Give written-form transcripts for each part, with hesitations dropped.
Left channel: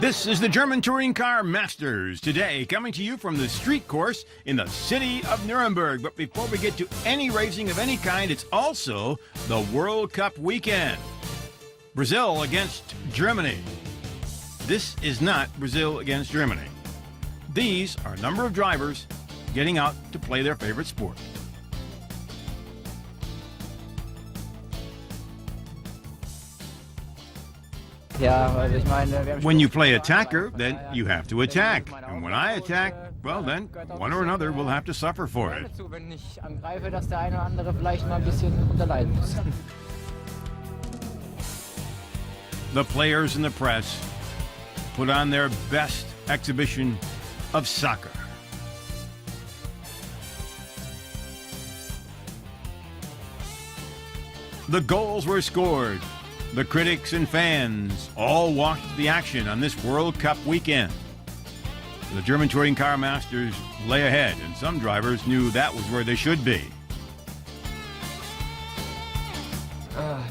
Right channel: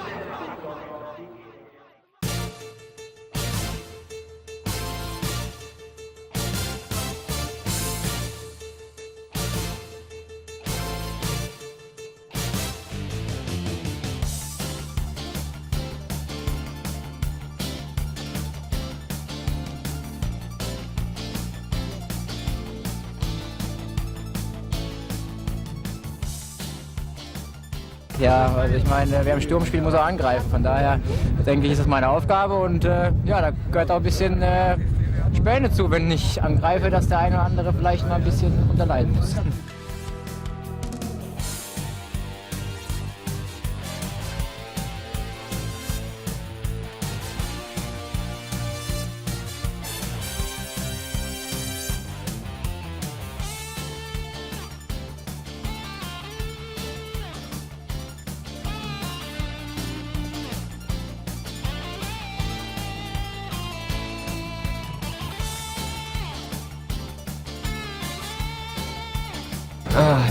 This is the German Touring Car Masters, today coming to you from the street course in the city of Nuremberg. But before we get to any racing of any kind, it's also the World Cup weekend. Brazil against Germany. This is not Brazil against Germany. These are a number of drivers getting out to play their favorite sport. Ja, also ich meine, wir haben When you play Sturmspiel attacker, von daher then you have to denke ich, attack. das ist meine Aufgabe und ja, da gehört auch ein bisschen Späne zu, wenn ich angreife, dass der eine oder andere vielleicht mal ein bisschen unterleiden muss. The players and the press put on their best exhibition of soccer. The goals were scored. The critics and fans all watched the action on this World Cup weekend. The German Touring Car Masters lay ahead, and some drivers knew that was where they should be. I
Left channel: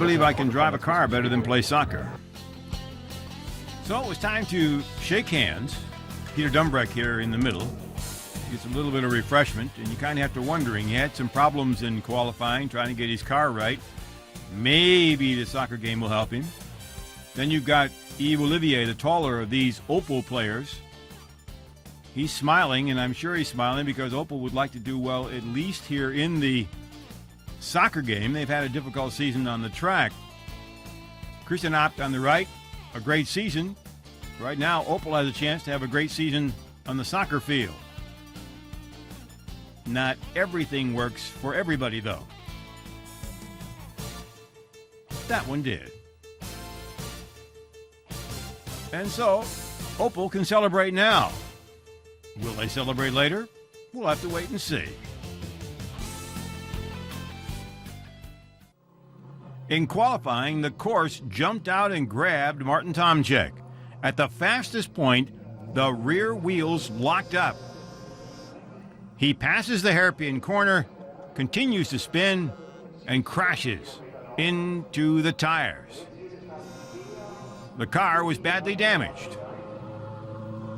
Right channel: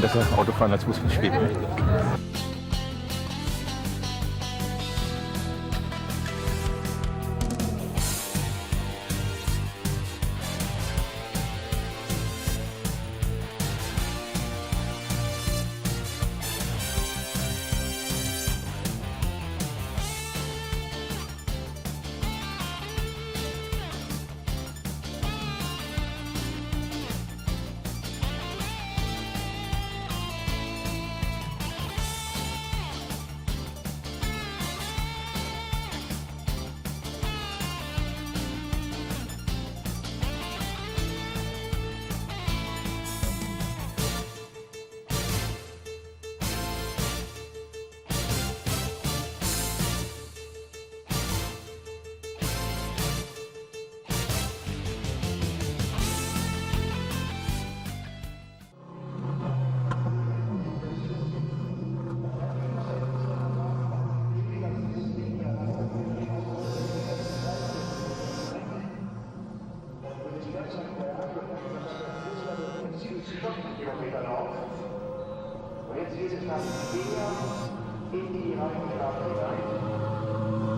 believe I can drive a car better than play soccer. So it was time to shake hands. Peter Dumbrek here in the middle. It's a little bit of refreshment. And you kind of have to wondering, he had some problems in qualifying, trying to get his car right. Maybe the soccer game will help him. Then you've got Yves Olivier, the taller of these Opel players. He's smiling, and I'm sure he's smiling because Opel would like to do well at least here in the soccer game. They've had a difficult season on the track. Christian Opt on the right, a great season. Right now, Opel has a chance to have a great season on the soccer field. Not everything works for everybody, though. That one did. And so, Opel can celebrate now. Will they celebrate later? We'll have to wait and see. In qualifying, the course jumped out and grabbed Martin Tomczyk. At the fastest point, the rear wheels locked up. He passes the hairpin corner, continues to spin, and crashes into the tires. The car was badly damaged.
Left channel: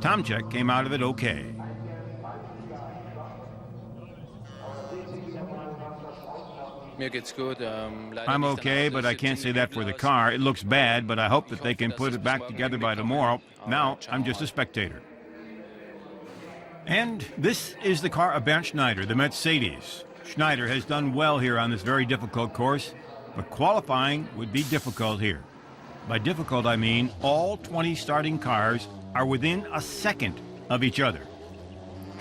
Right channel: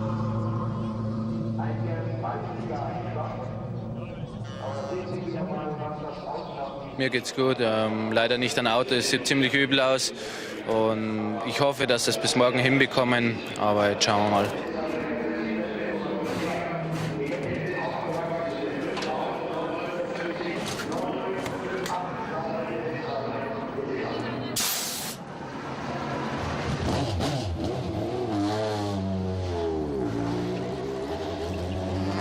Tomczyk came out of it okay. Mir geht's gut, leider nicht an Auto, es sieht ziemlich übel aus. Und ich hoffe, dass wir es bis morgen hinbekommen, aber jetzt schauen wir mal. And this is the car of Bernd, the Mercedes. Schneider has done well here on this very difficult course, but qualifying would be difficult here. By difficult, I mean all 20 starting cars are within a second of each other.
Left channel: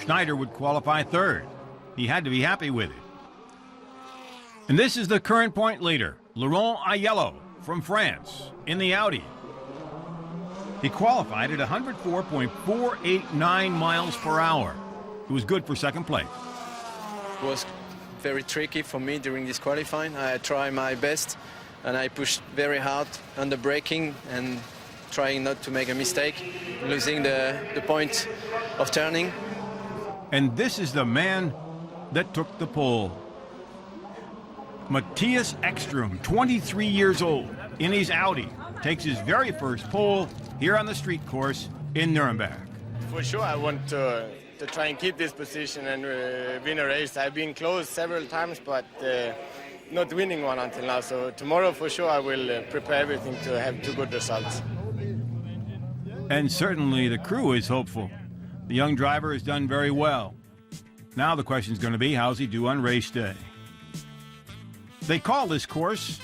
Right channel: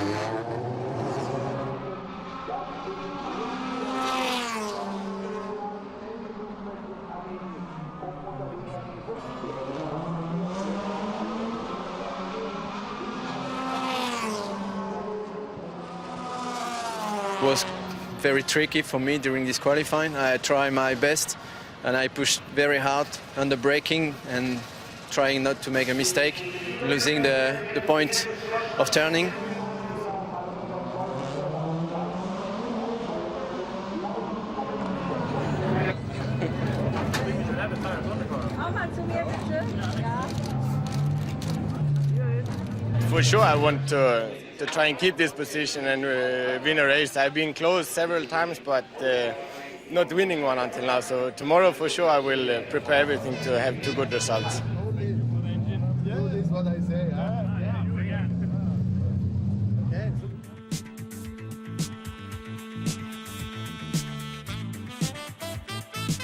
Schneider would qualify third. He had to be happy with it. And this is the current point leader, Laurent Aiello from France in the Audi. He qualified at 104.489 miles per hour. It was good for second place. It was very tricky for me during this qualifying. I tried my best and I pushed very hard on the braking and trying not to make a mistake, losing the point of turning. And this is the man that took the pole. Mattias EKSTRÖM, 23 years old, in his Audi, takes his very first pole here on the street course in Nuremberg. For sure, I want to try and keep this position and win a race. I've been close several times, but not winning one until now. So tomorrow, for sure, I will prepare everything to have two good results. And certainly the crew is hopeful. The young driver has done very well. Now the question is going to be, how's he do on race day? They call this course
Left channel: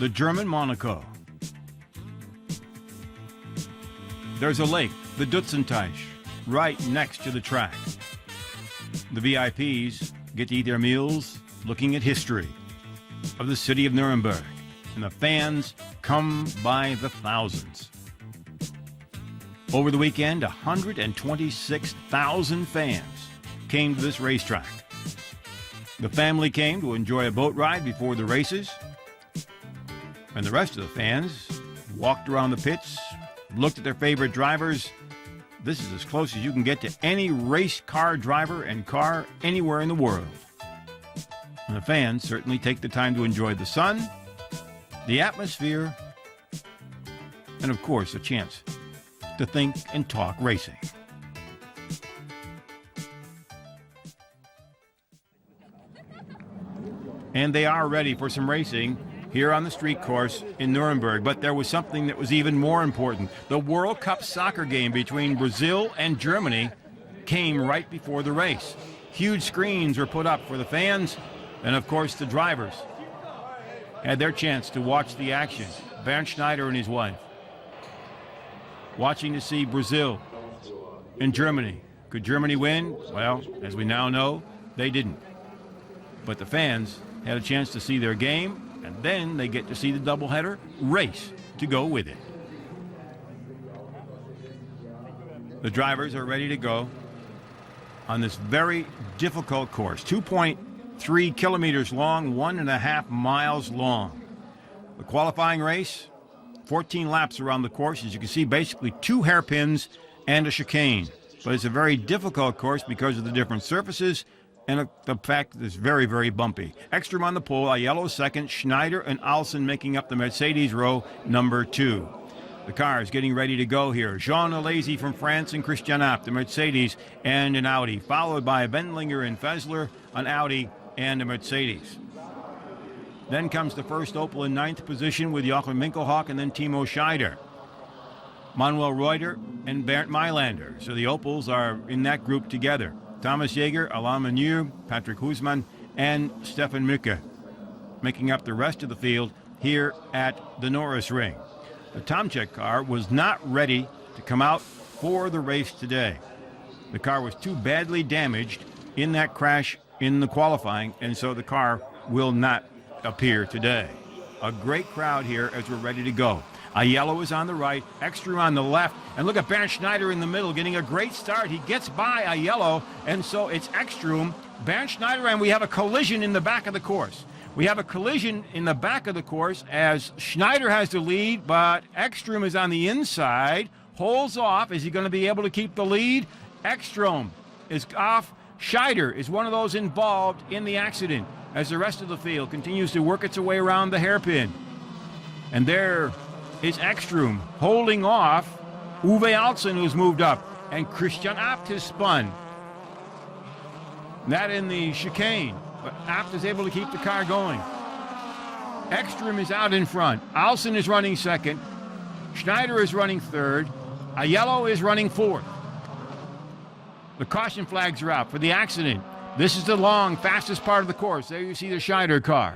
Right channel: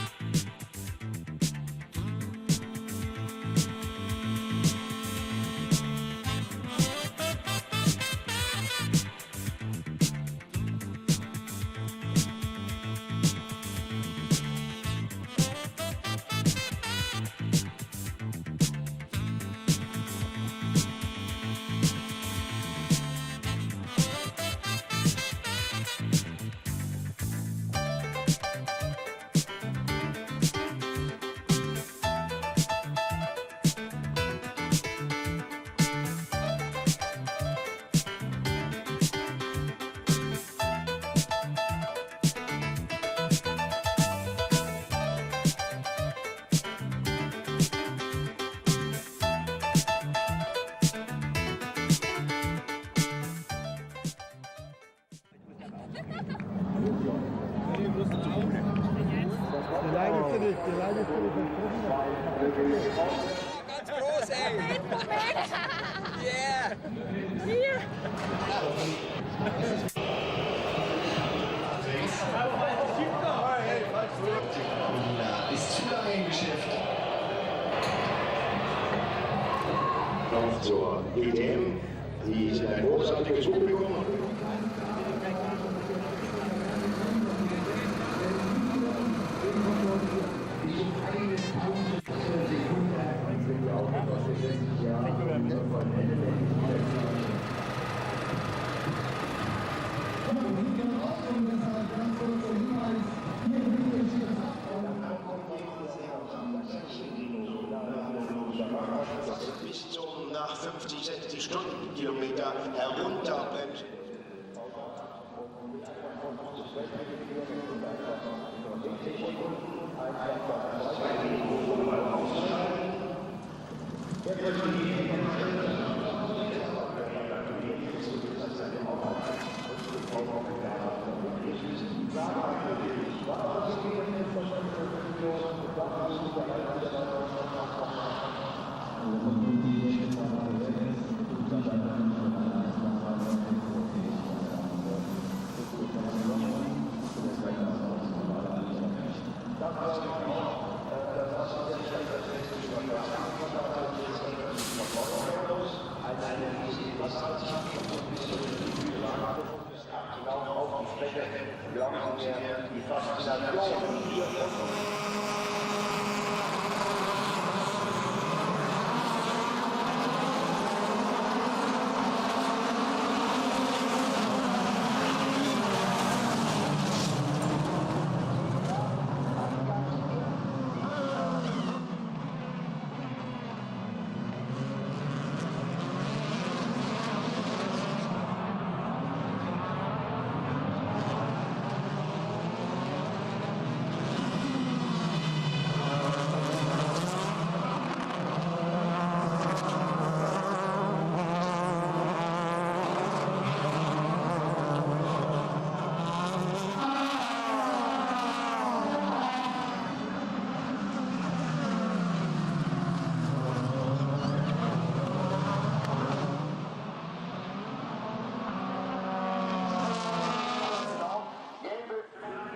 the German Monaco. There's a lake, the Dutzenteich, right next to the track. The VIPs get to eat their meals looking at history of the city of Nuremberg, and the fans come by the thousands. Over the weekend, 126,000 fans came to this racetrack. The family came to enjoy a boat ride before the races, and the rest of the fans walked around the pits, looked at their favorite drivers, this is as close as you can get to any race car driver and car anywhere in the world. And the fans certainly take the time to enjoy the sun, the atmosphere, and of course a chance to think and talk racing. And they are ready for some racing here on the street course in Nuremberg. But there was something that was even more important. The World Cup soccer game between Brazil and Germany came right before the race. Huge screens were put up for the fans, and of course the drivers had their chance to watch the action. Bernd Schneider and his wife watching to see Brazil and Germany. Could Germany win? Well, as we now know, they didn't. But the fans had a chance to see their game, and then they get to see the doubleheader race to go with it. The drivers are ready to go on this very difficult course, 2.3 kilometers long, 1.5 miles long. The qualifying race, 14 laps around the course. As you can see, basically 2 hairpins and a chicane. But it's a very difficult course because of the different surfaces and the fact that it's very, very bumpy. EKSTRÖM on the pole, Aiello second, Schneider and Alsen making up the Mercedes row number 2. The cars getting ready to go here. Jean ALESI from France and Christian Abt, the Mercedes and an Audi, followed by Wendlinger and Fessler, an Audi and a Mercedes. Then comes the first Opel in 9th position with Joachim Winkelhock and then Timo Scheider, Manuel Reuter and Bernd Mailander. So the Opels are in that group together. Thomas Jäger, Alain Menu, Patrick Huisman, and Stefan Mücke making up the rest of the field here at the Norisring. The Tomczyk car was not ready to come out for the race today. The car was too badly damaged in that crash in the qualifying, and so the car will not appear today. A great crowd here as we're ready to go. Aiello is on the right, EKSTRÖM on the left, and look at Bernd Schneider in the middle getting a great start. He gets by Aiello, and so it's EKSTRÖM, Bernd Schneider, and we have a collision in the back of the course. We have a collision in the back of the course as Schneider has the lead, but EKSTRÖM is on the inside, pulls off. Is he going to be able to keep the lead? EKSTRÖM is off. Scheider is one of those involved in the accident as the rest of the field continues to work its way around the hairpin. And there is EKSTRÖM holding off Uwe Alsen, who's moved up, and Christian Abt has spun. That in the chicane, but Abt is able to keep the car going. EKSTRÖM is out in front. Alsen is running second. Schneider is running third. Aiello is running fourth. The caution flags are out for the accident. This is the long, fastest part of the course. There you see the Scheider car.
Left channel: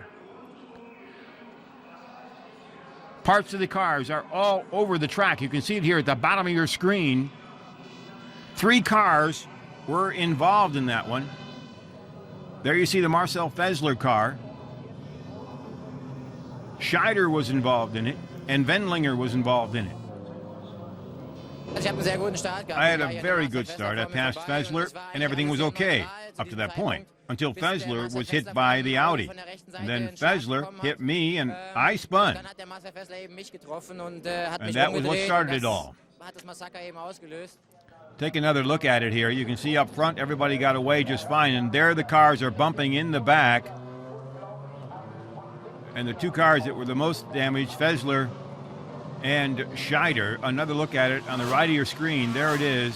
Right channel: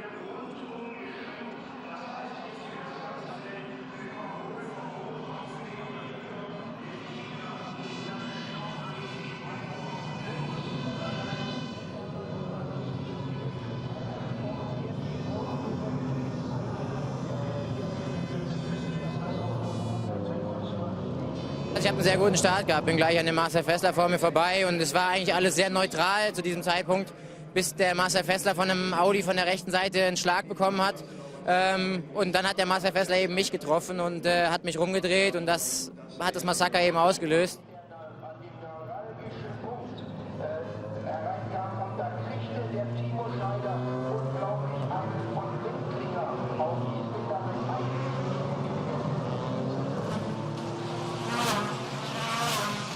Parts of the cars are all over the track. You can see it here at the bottom of your screen. 3 cars were involved in that one. There you see the Marcel Fessler car. Scheider was involved in it, and Wendlinger was involved in it. Ich habe einen sehr guten Start gehabt, bin gleich an dem Marcel Fessler vor mir vorbei und es war eigentlich alles sehr neutral zu diesem Zeitpunkt, bis der Marcel Fessler von einem Audi von der rechten Seite einen Schlag bekommen hat. Und dann hat der Marcel Fessler eben mich getroffen und hat mich umgedreht und das hat das Massaker eben ausgelöst. Take another look at it here. You can see up front everybody got away just fine, and there the cars are bumping in the back. And the 2 cars that were the most damaged, Fessler and Scheider. Another look at it on the right of your screen. There it is.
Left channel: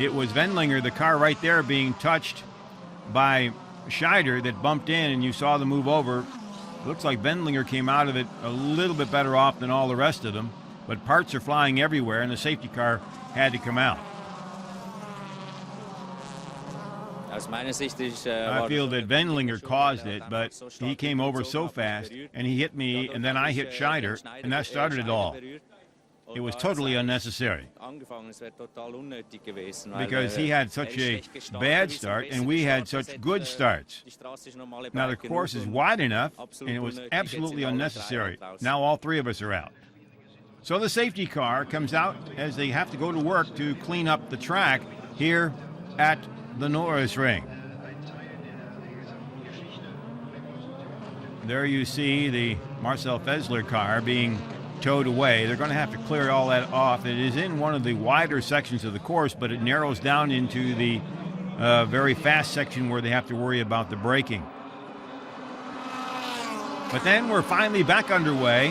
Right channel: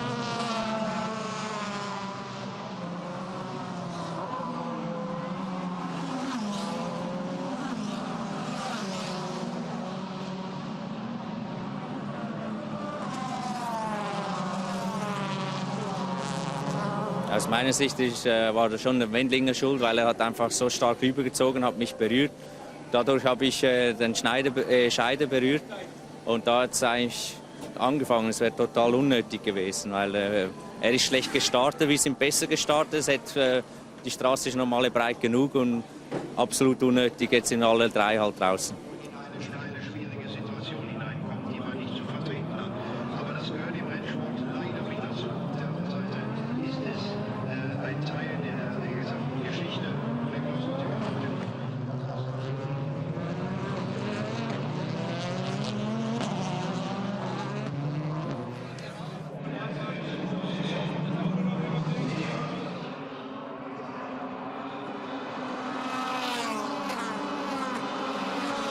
It was Wendlinger, the car right there, being touched by Scheider that bumped in, and you saw them move over. Looks like Wendlinger came out of it a little bit better off than all the rest of them, but parts are flying everywhere, and the safety car had to come out. Aus meiner Sicht war das schon der Wendlinger schuld, weil hat einfach so stark übergezogen, hat mich berührt. Dadurch habe ich den Scheider berührt. Und da hat es eigentlich angefangen, es wäre total unnötig gewesen, weil ist schlecht gestartet, wir sind besser gestartet, die Straße ist normale breit genug und absolut unnötig, jetzt sind alle 3 halt draußen. So the safety car comes out as they have to go to work to clean up the track here at the Norisring. There you see the Marcel Fessler car being towed away. They're going to have to clear all that off. It is in one of the wider sections of the course, but it narrows down into the very fast section where they have to worry about the braking. But then we're finally back underway,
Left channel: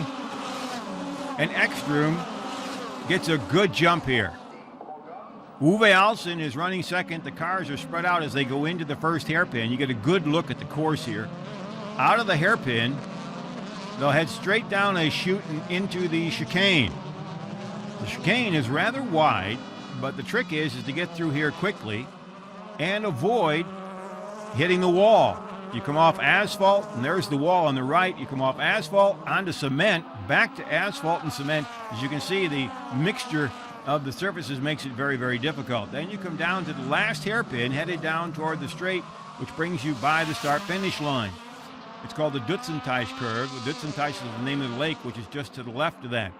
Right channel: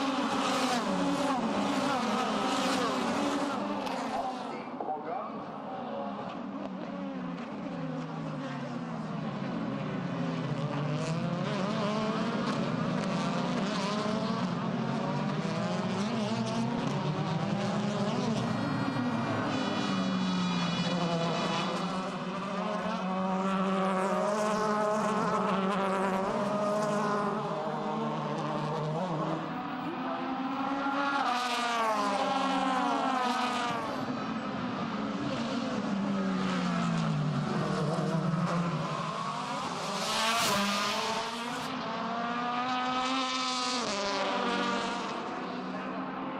and EKSTRÖM gets a good jump here. Uwe Alsen is running second. The cars are spread out as they go into the first hairpin. You get a good look at the course here. Out of the hairpin, they'll head straight down a chute and into the chicane. The chicane is rather wide, but the trick is to get through here quickly and avoid hitting the wall. You come off asphalt, and there's the wall on the right. You come off asphalt onto cement, back to asphalt and cement. As you can see, the mixture of the surfaces makes it very, very difficult. Then you come down to the last hairpin, headed down toward the straight, which brings you by the start-finish line. It's called the Dutzenteich curve. The Dutzenteich is the name of the lake, which is just to the left of that.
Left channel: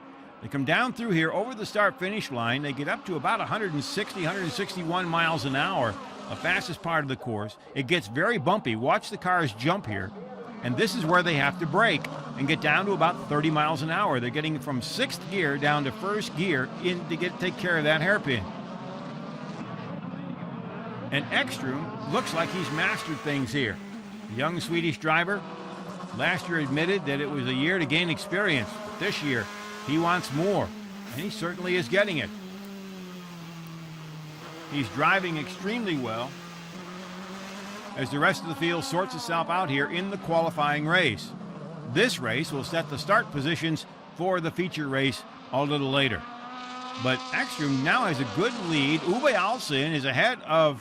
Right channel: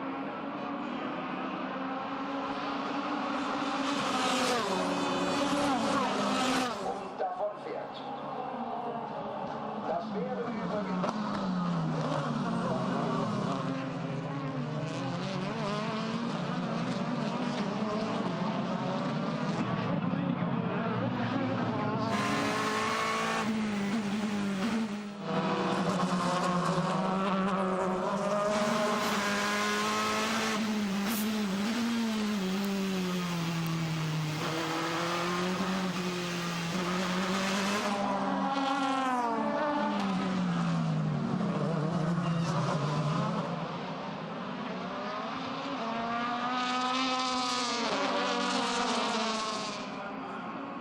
They come down through here over the start-finish line. They get up to about 160, 161 miles an hour, the fastest part of the course. It gets very bumpy. Watch the cars jump here. And this is where they have to brake and get down to about 30 miles an hour. They're getting from 6th gear down to 1st gear to take care of that hairpin. And EKSTRÖM looks like he's mastered things here. The young Swedish driver last year admitted that it was a year to gain experience. This year, he wants more. And he certainly is getting it. He's driving extremely well as the rest of the field sorts itself out here in the qualifying race. This race will set the start positions for the feature race a little later. But EKSTRÖM now has a good lead. Uwe Alsen is ahead of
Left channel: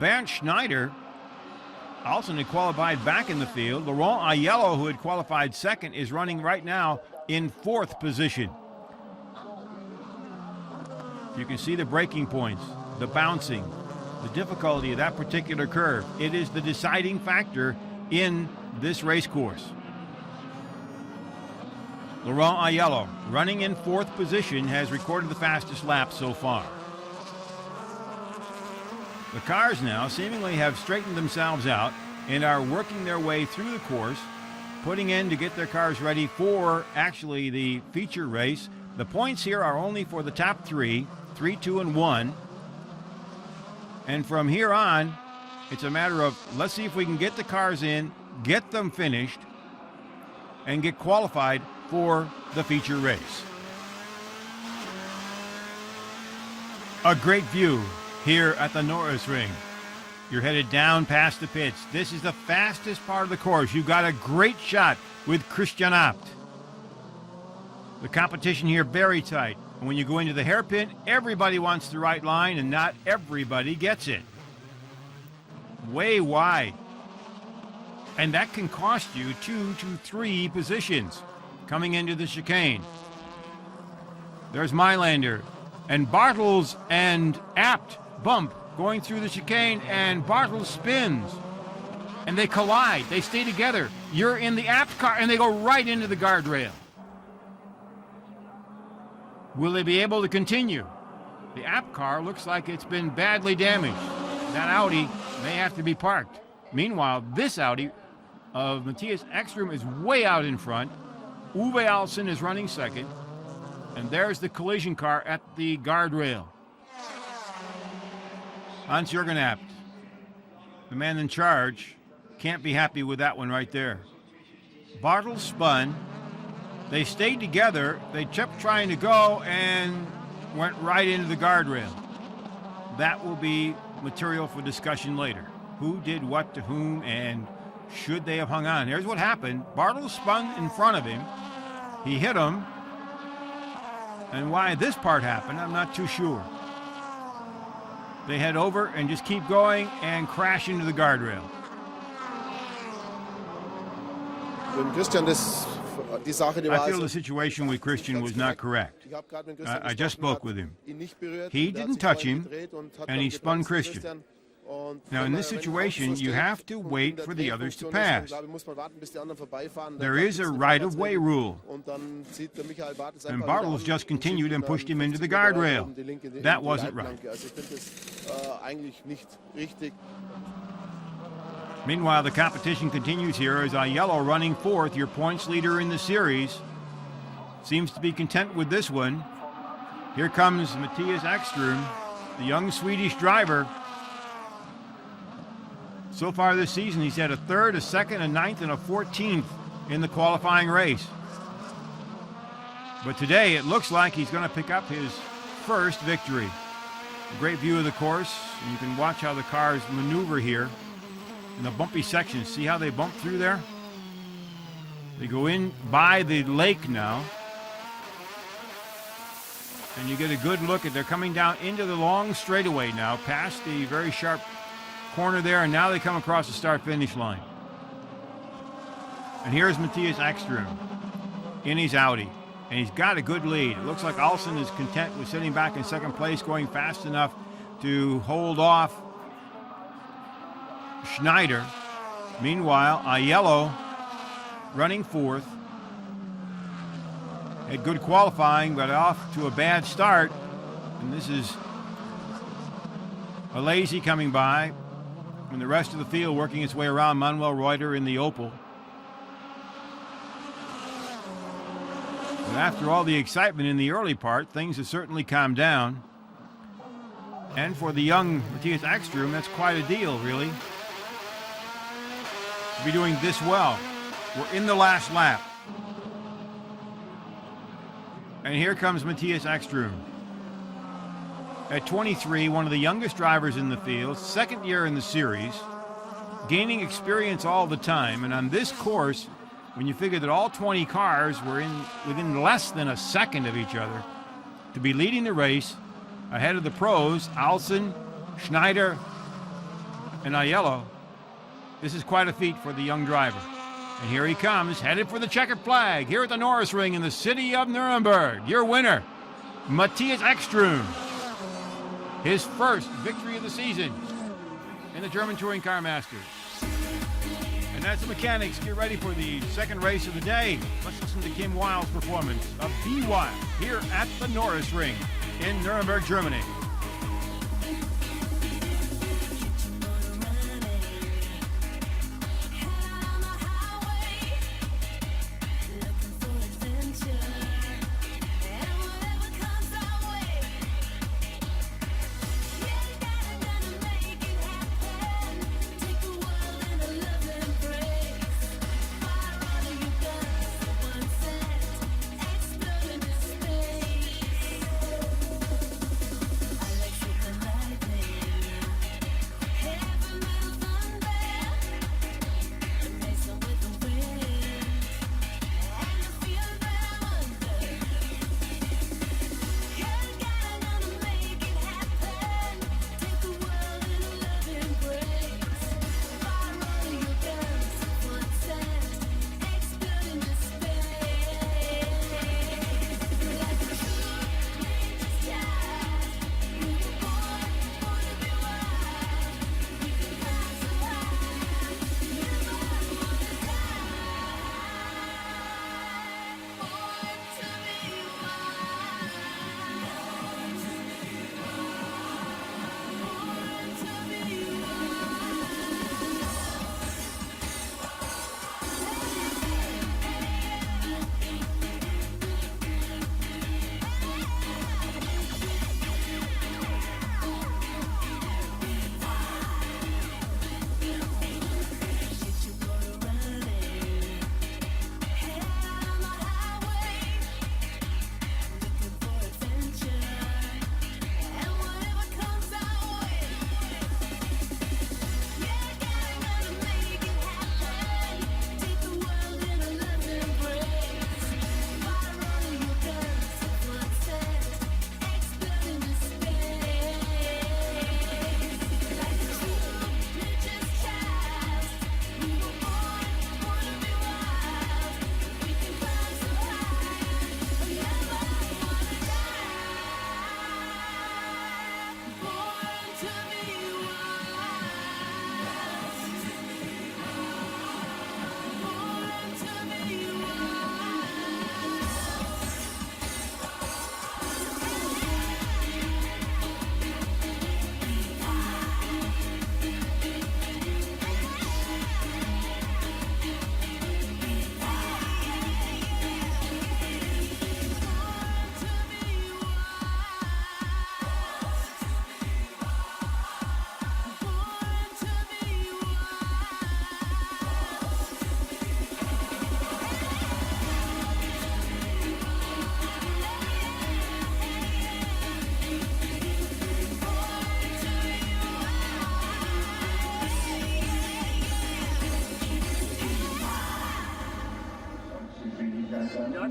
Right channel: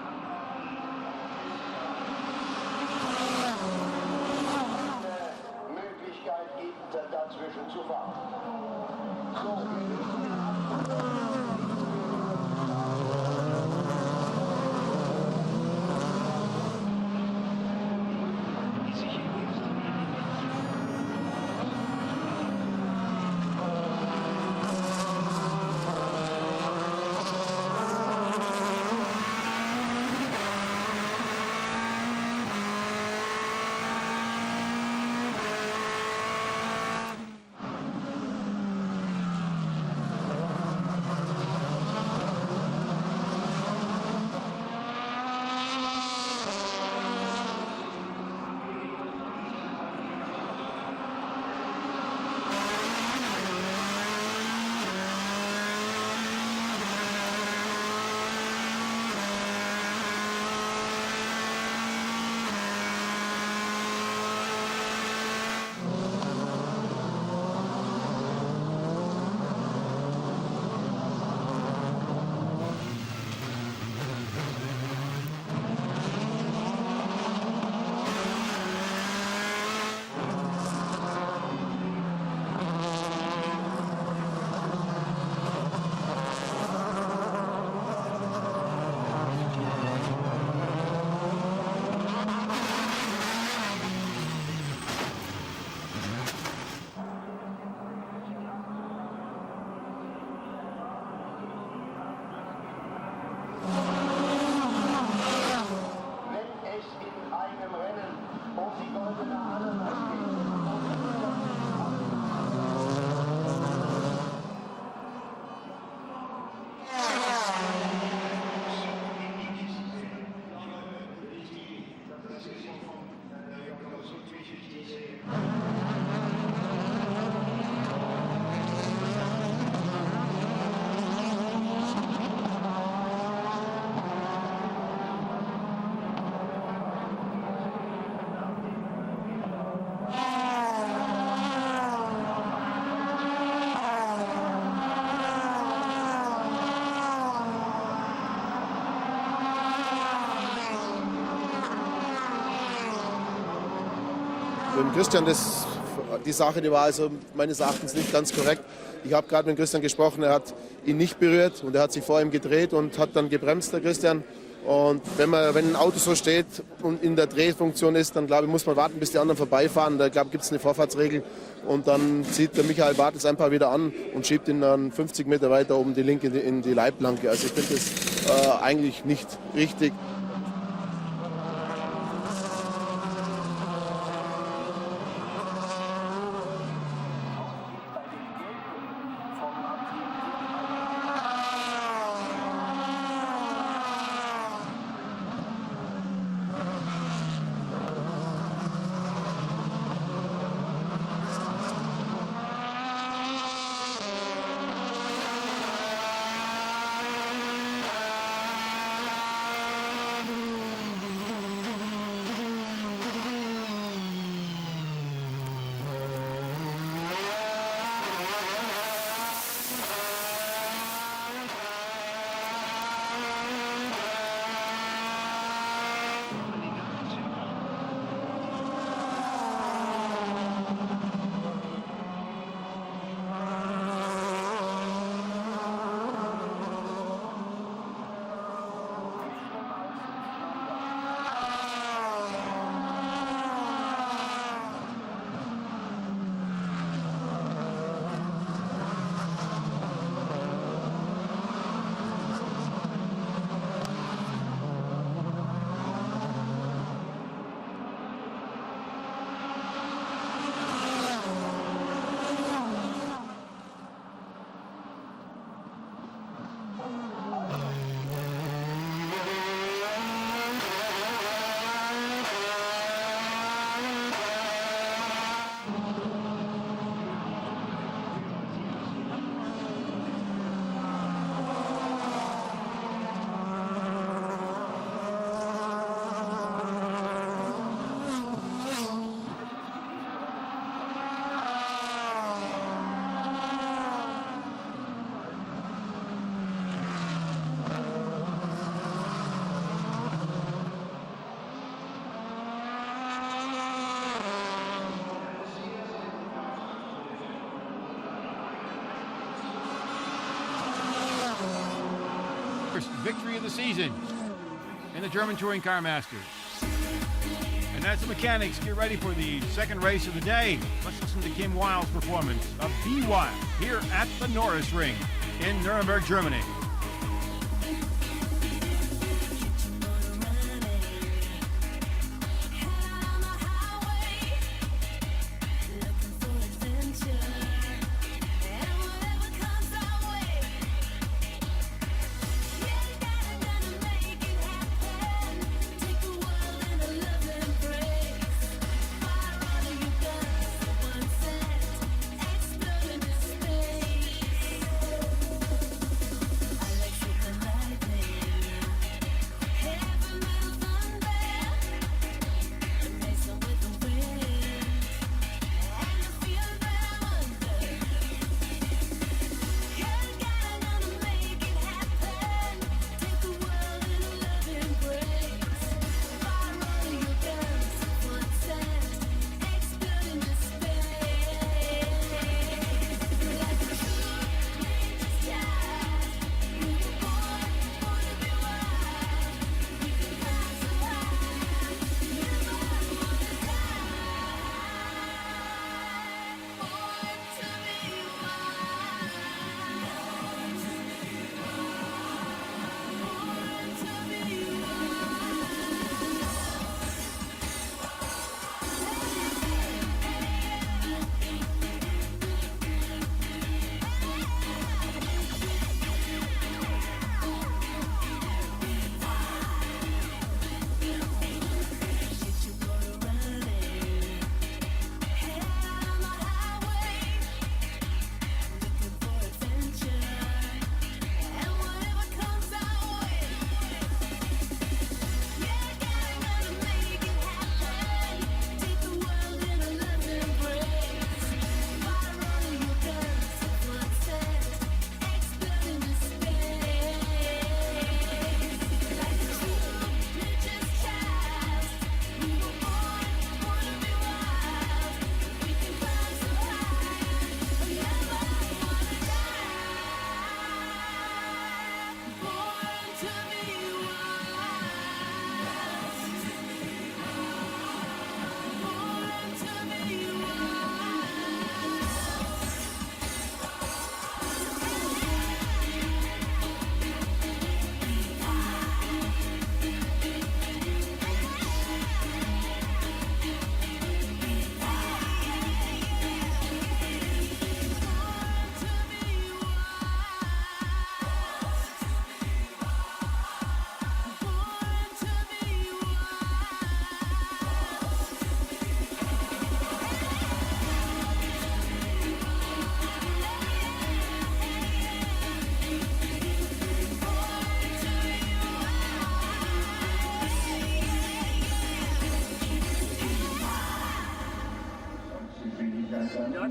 Bernd Schneider. Alsen had qualified back in the field. Laurent Aiello, who had qualified second, is running right now in 4th position. You can see the braking points, the bouncing, the difficulty of that particular curve. It is the deciding factor in this race course. Laurent Aiello, running in 4th position, has recorded the fastest lap so far. The cars now seemingly have straightened themselves out and are working their way through the course, putting in to get their cars ready for actually the feature race. The points here are only for the top 3, 3, 2, and 1. And from here on, it's a matter of let's see if we can get the cars in, get them finished, and get qualified for the feature race. A great view here at the Norisring. You're headed down past the pits. This is the fastest part of the course. You got a great shot with Christian Abt. The competition here very tight. When you go into the hairpin, everybody wants the right line, and not everybody gets it. Way wide. And that can cost you 2 to 3 positions coming into the chicane. There's Mailander, and Bartels and Abt bump going through the chicane, and Bartels spins, and they collide. They stay together. You're in the Abt car, and they go right into the guardrail. Will they be able to continue? The Abt car looks like it's been badly damaged. That Audi may have to be parked. Meanwhile, this Audi of Mattias EKSTRÖM is way out in front. Uwe Alsen is running second. And there's the collision car at the guardrail. Hans-Jürgen Abt, the man in charge, can't be happy with that one right there. Bartels spun. They stayed together. They kept trying to go and went right into the guardrail. That will be material for discussion later. Who did what to whom, and should they have hung on? Here's what happened. Bartels spun in front of him. He hit him. And why this part happened, I'm not too sure. They head over and just keep going and crash into the guardrail. Christian, die Sache, die war also meines Erachtens nicht ganz korrekt. Ich habe gerade mit Christian gesprochen, er hat ihn nicht berührt und er hat sich vor ihm gedreht und hat dann gebremst, Christian. Und wenn ein Auto so steht und in der Drehfunktion ist, dann glaube ich, muss man warten, bis die anderen vorbeifahren. Da gibt es eine Vorfahrtsregel. Und dann zieht der Michael Bartels einfach wieder an und schiebt ihn dann 50 Meter weiter oben die linke in die Leitplanke. Also ich finde das eigentlich nicht richtig. Meanwhile, the competition continues here as Aiello running 4th, your points leader in the series. seems to be content with this one. Here comes Mattias EKSTRÖM, the young Swedish driver. So far this season, he's had a 3rd, a 2nd, a 9th, and a 14th in the qualifying race. But today, it looks like he's going to pick up his first victory. A great view of the course. You can watch how the cars maneuver here in the bumpy sections. See how they bump through there? They go in by the lake now. And you get a good look at, they're coming down into the long straightaway now, past the very sharp corner there, and now they come across the start-finish line. And here's Mattias EKSTRÖM in his Audi, and he's got a good lead. It looks like Olsen is content with sitting back in 2nd place, going fast enough to hold off Schneider. Meanwhile, Aiello running 4th. Had good qualifying, but off to a bad start. And this is ALESI coming by, and the rest of the field working its way around Manuel Reuter in the Opel. But after all the excitement in the early part, things have certainly calmed down. And for the young Mattias EKSTRÖM, that's quite a deal, really, to be doing this well. We're in the last lap. And here comes Mattias EKSTRÖM. At 23, one of the youngest drivers in the field, 2nd year in the series, gaining experience all the time. And on this course, when you figure that all 20 cars were within less than a second of each other, to be leading the race ahead of the pros, Olsen, Schneider, and Aiello, this is quite a feat for the young driver. And here he comes, headed for the checkered flag, here at the Norisring in the city of Nuremberg. Your winner, Mattias EKSTRÖM. His first victory of the season in the German Touring Car Masters. And that's the mechanics. Get ready for the 2nd race of the day. Let's listen to Kim Wilde's performance of Be Wild here at the Norisring in Nuremberg, Germany.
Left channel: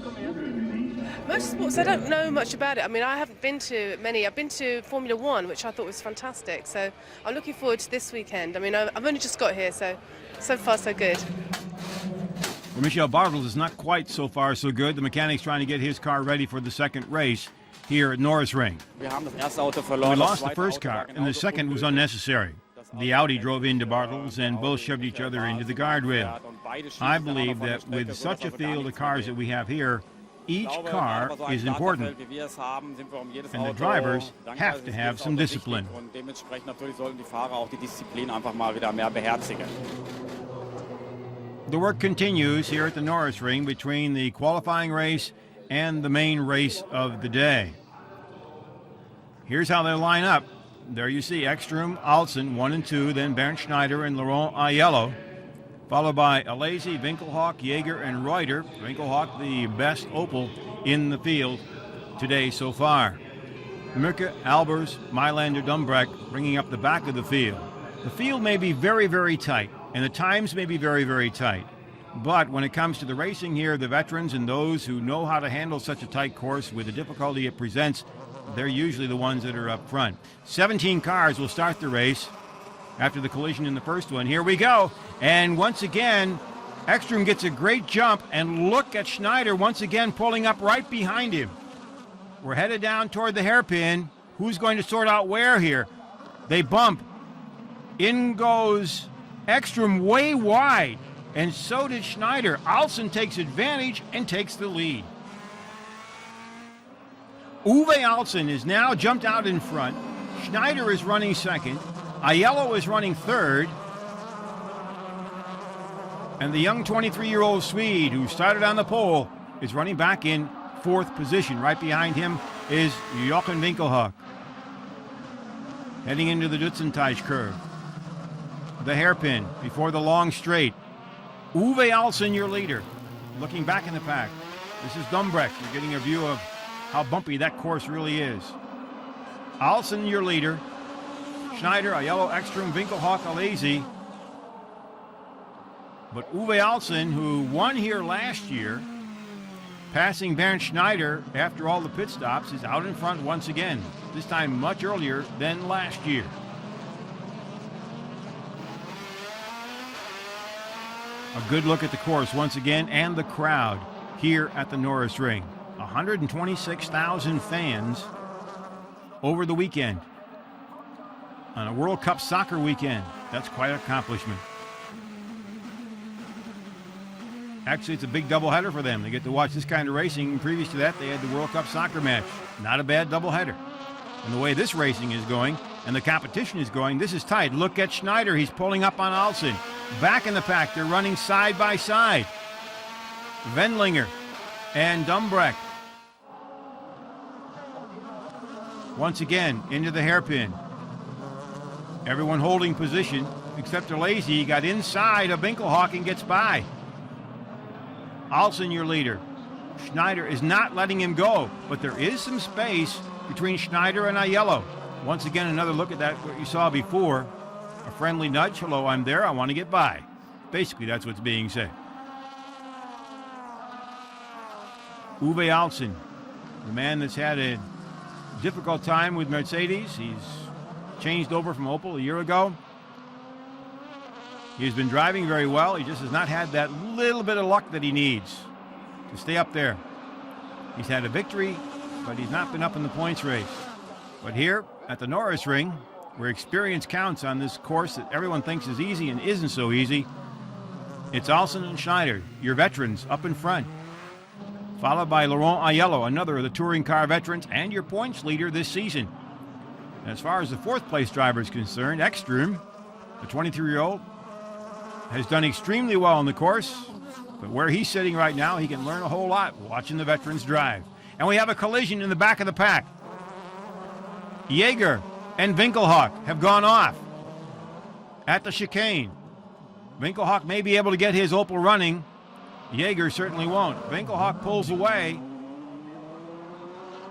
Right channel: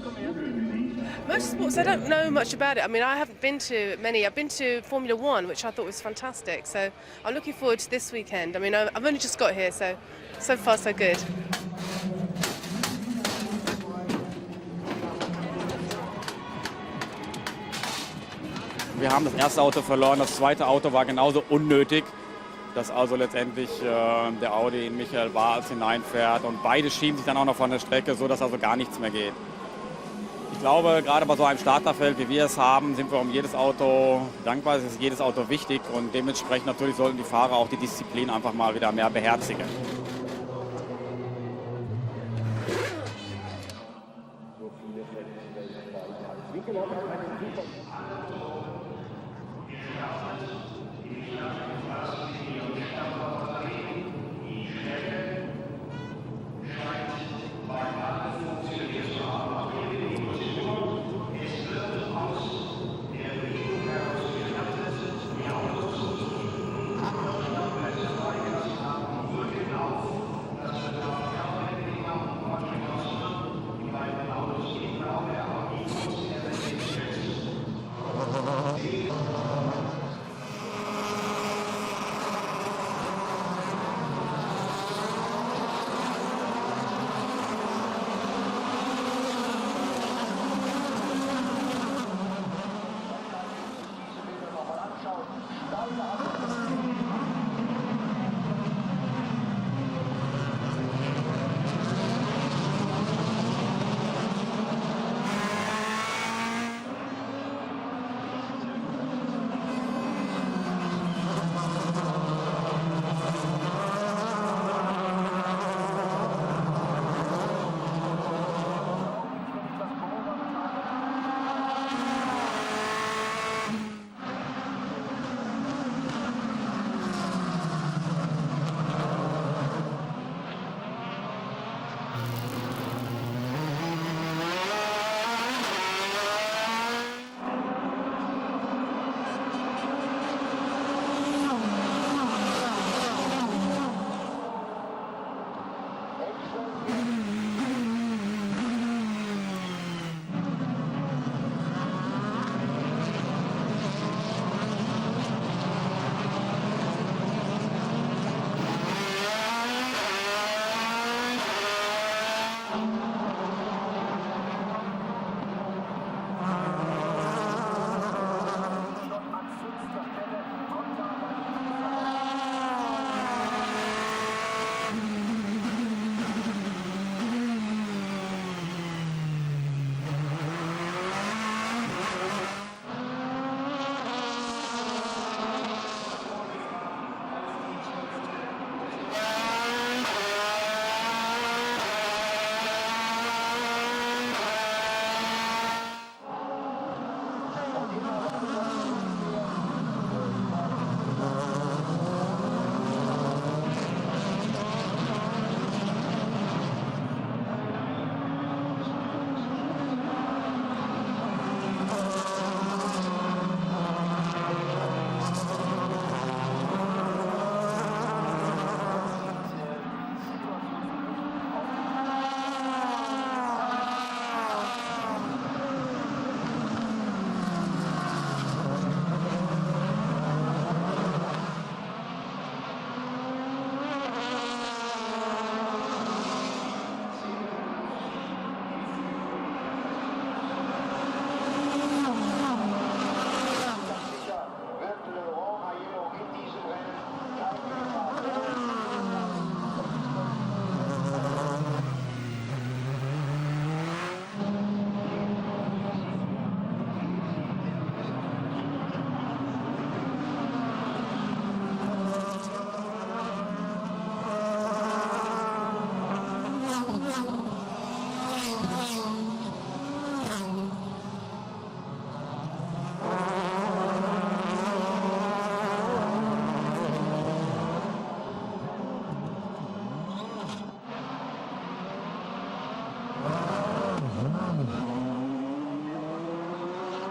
Motorsports, I don't know much about it. I mean, I haven't been to many. I've been to Formula One, which I thought was fantastic. So I'm looking forward to this weekend. I mean, I've only just got here, so far so good. Michel Bartels is not quite so far so good. The mechanic's trying to get his car ready for the second race here at Norisring. Wir haben das erste Auto verloren, das zweite Auto war genauso unnötig. Das Auto letztendlich, der Audi Michael war zu meinem Pferd und beide schieben sich dann auch noch von der Strecke, sodass also gar nichts mehr geht. Ich glaube, gerade bei so einem Starterfeld, wie wir es haben, sind wir um jedes Auto dankbar, es ist jedes Auto wichtig und dementsprechend natürlich sollten die Fahrer auch die Disziplin einfach mal wieder mehr beherzigen. The work continues here at the Norisring between the qualifying race and the main race of the day. Here's how they line up. There you see EKSTRÖM, Alsen, 1 and 2, then Bernd Schneider and Laurent Aiello, followed by ALESI, Winkelhock, Jaeger, and Reuter. Winkelhock, the best Opel in the field today so far. Mürke, Albers, Mailander, Dumbrecht bringing up the back of the field. The field may be very, very tight, and the times may be very, very tight. But when it comes to the racing here, the veterans and those who know how to handle such a tight course with the difficulty it presents, they're usually the ones that are up front. 17 cars will start the race after the collision in the first one. Here we go. And once again, EKSTRÖM gets a great jump, and look at Schneider once again pulling up right behind him. We're headed down toward the hairpin. Who's going to sort out where here? They bump. In goes EKSTRÖM way wide, and so did Schneider. Alsen takes advantage and takes the lead. Uwe Alsen is now jumped out in front. Schneider is running second. Aiello is running third. And the young 23-year-old Swede who started on the pole is running back in fourth position. Right behind him is Jochen Winkelhock. Heading into the Dutzenteich curve. The hairpin before the long straight. Uwe Alsen, your leader, looking back in the pack. This is Dumbrecht, getting a view of how bumpy that course really is. Alsen, your leader. Schneider, Aiello, EKSTRÖM, Winkelhock, ALESI. But Uwe Alsen, who won here last year, passing Bernd Schneider after all the pit stops, is out in front once again. This time much earlier than last year. A good look at the course once again and the crowd here at the Norisring. 126,000 fans over the weekend. On a World Cup soccer weekend. That's quite an accomplishment. Actually, it's a big doubleheader for them. They get to watch this kind of racing. Previous to that, they had the World Cup soccer match. Not a bad doubleheader. And the way this racing is going and the competition is going, this is tight. Look at Schneider. He's pulling up on Alsen. Back in the pack. They're running side by side. Wendlinger and Dumbrecht. Once again, into the hairpin. Everyone holding position, except ALESI got inside of Winkelhock and gets by. Alsen, your leader. Schneider is not letting him go, but there is some space between Schneider and Aiello. Once again, another look at that you saw before. A friendly nudge. Hello, I'm there. I want to get by. Basically, that's what's being said. Uwe Alsen, a man that's had a difficult time with Mercedes. He's changed over from Opel a year ago. He's been driving very well. He just has not had that little bit of luck that he needs to stay up there. He's had a victory, but he's not been up in the points race. But here at the Norisring, where experience counts on this course that everyone thinks is easy and isn't so easy, it's Alsen and Schneider, your veterans, up in front. Followed by Laurent Aiello, another of the touring car veterans and your points leader this season. As far as the fourth place driver is concerned, EKSTRÖM, the 23-year-old, has done extremely well on the course. But where he's sitting right now, he can learn a whole lot watching the veterans drive. And we have a collision in the back of the pack. Jaeger and Winkelhock have gone off at the chicane. Winkelhock may be able to get his Opel running. Jaeger certainly won't. Winkelhock pulls away.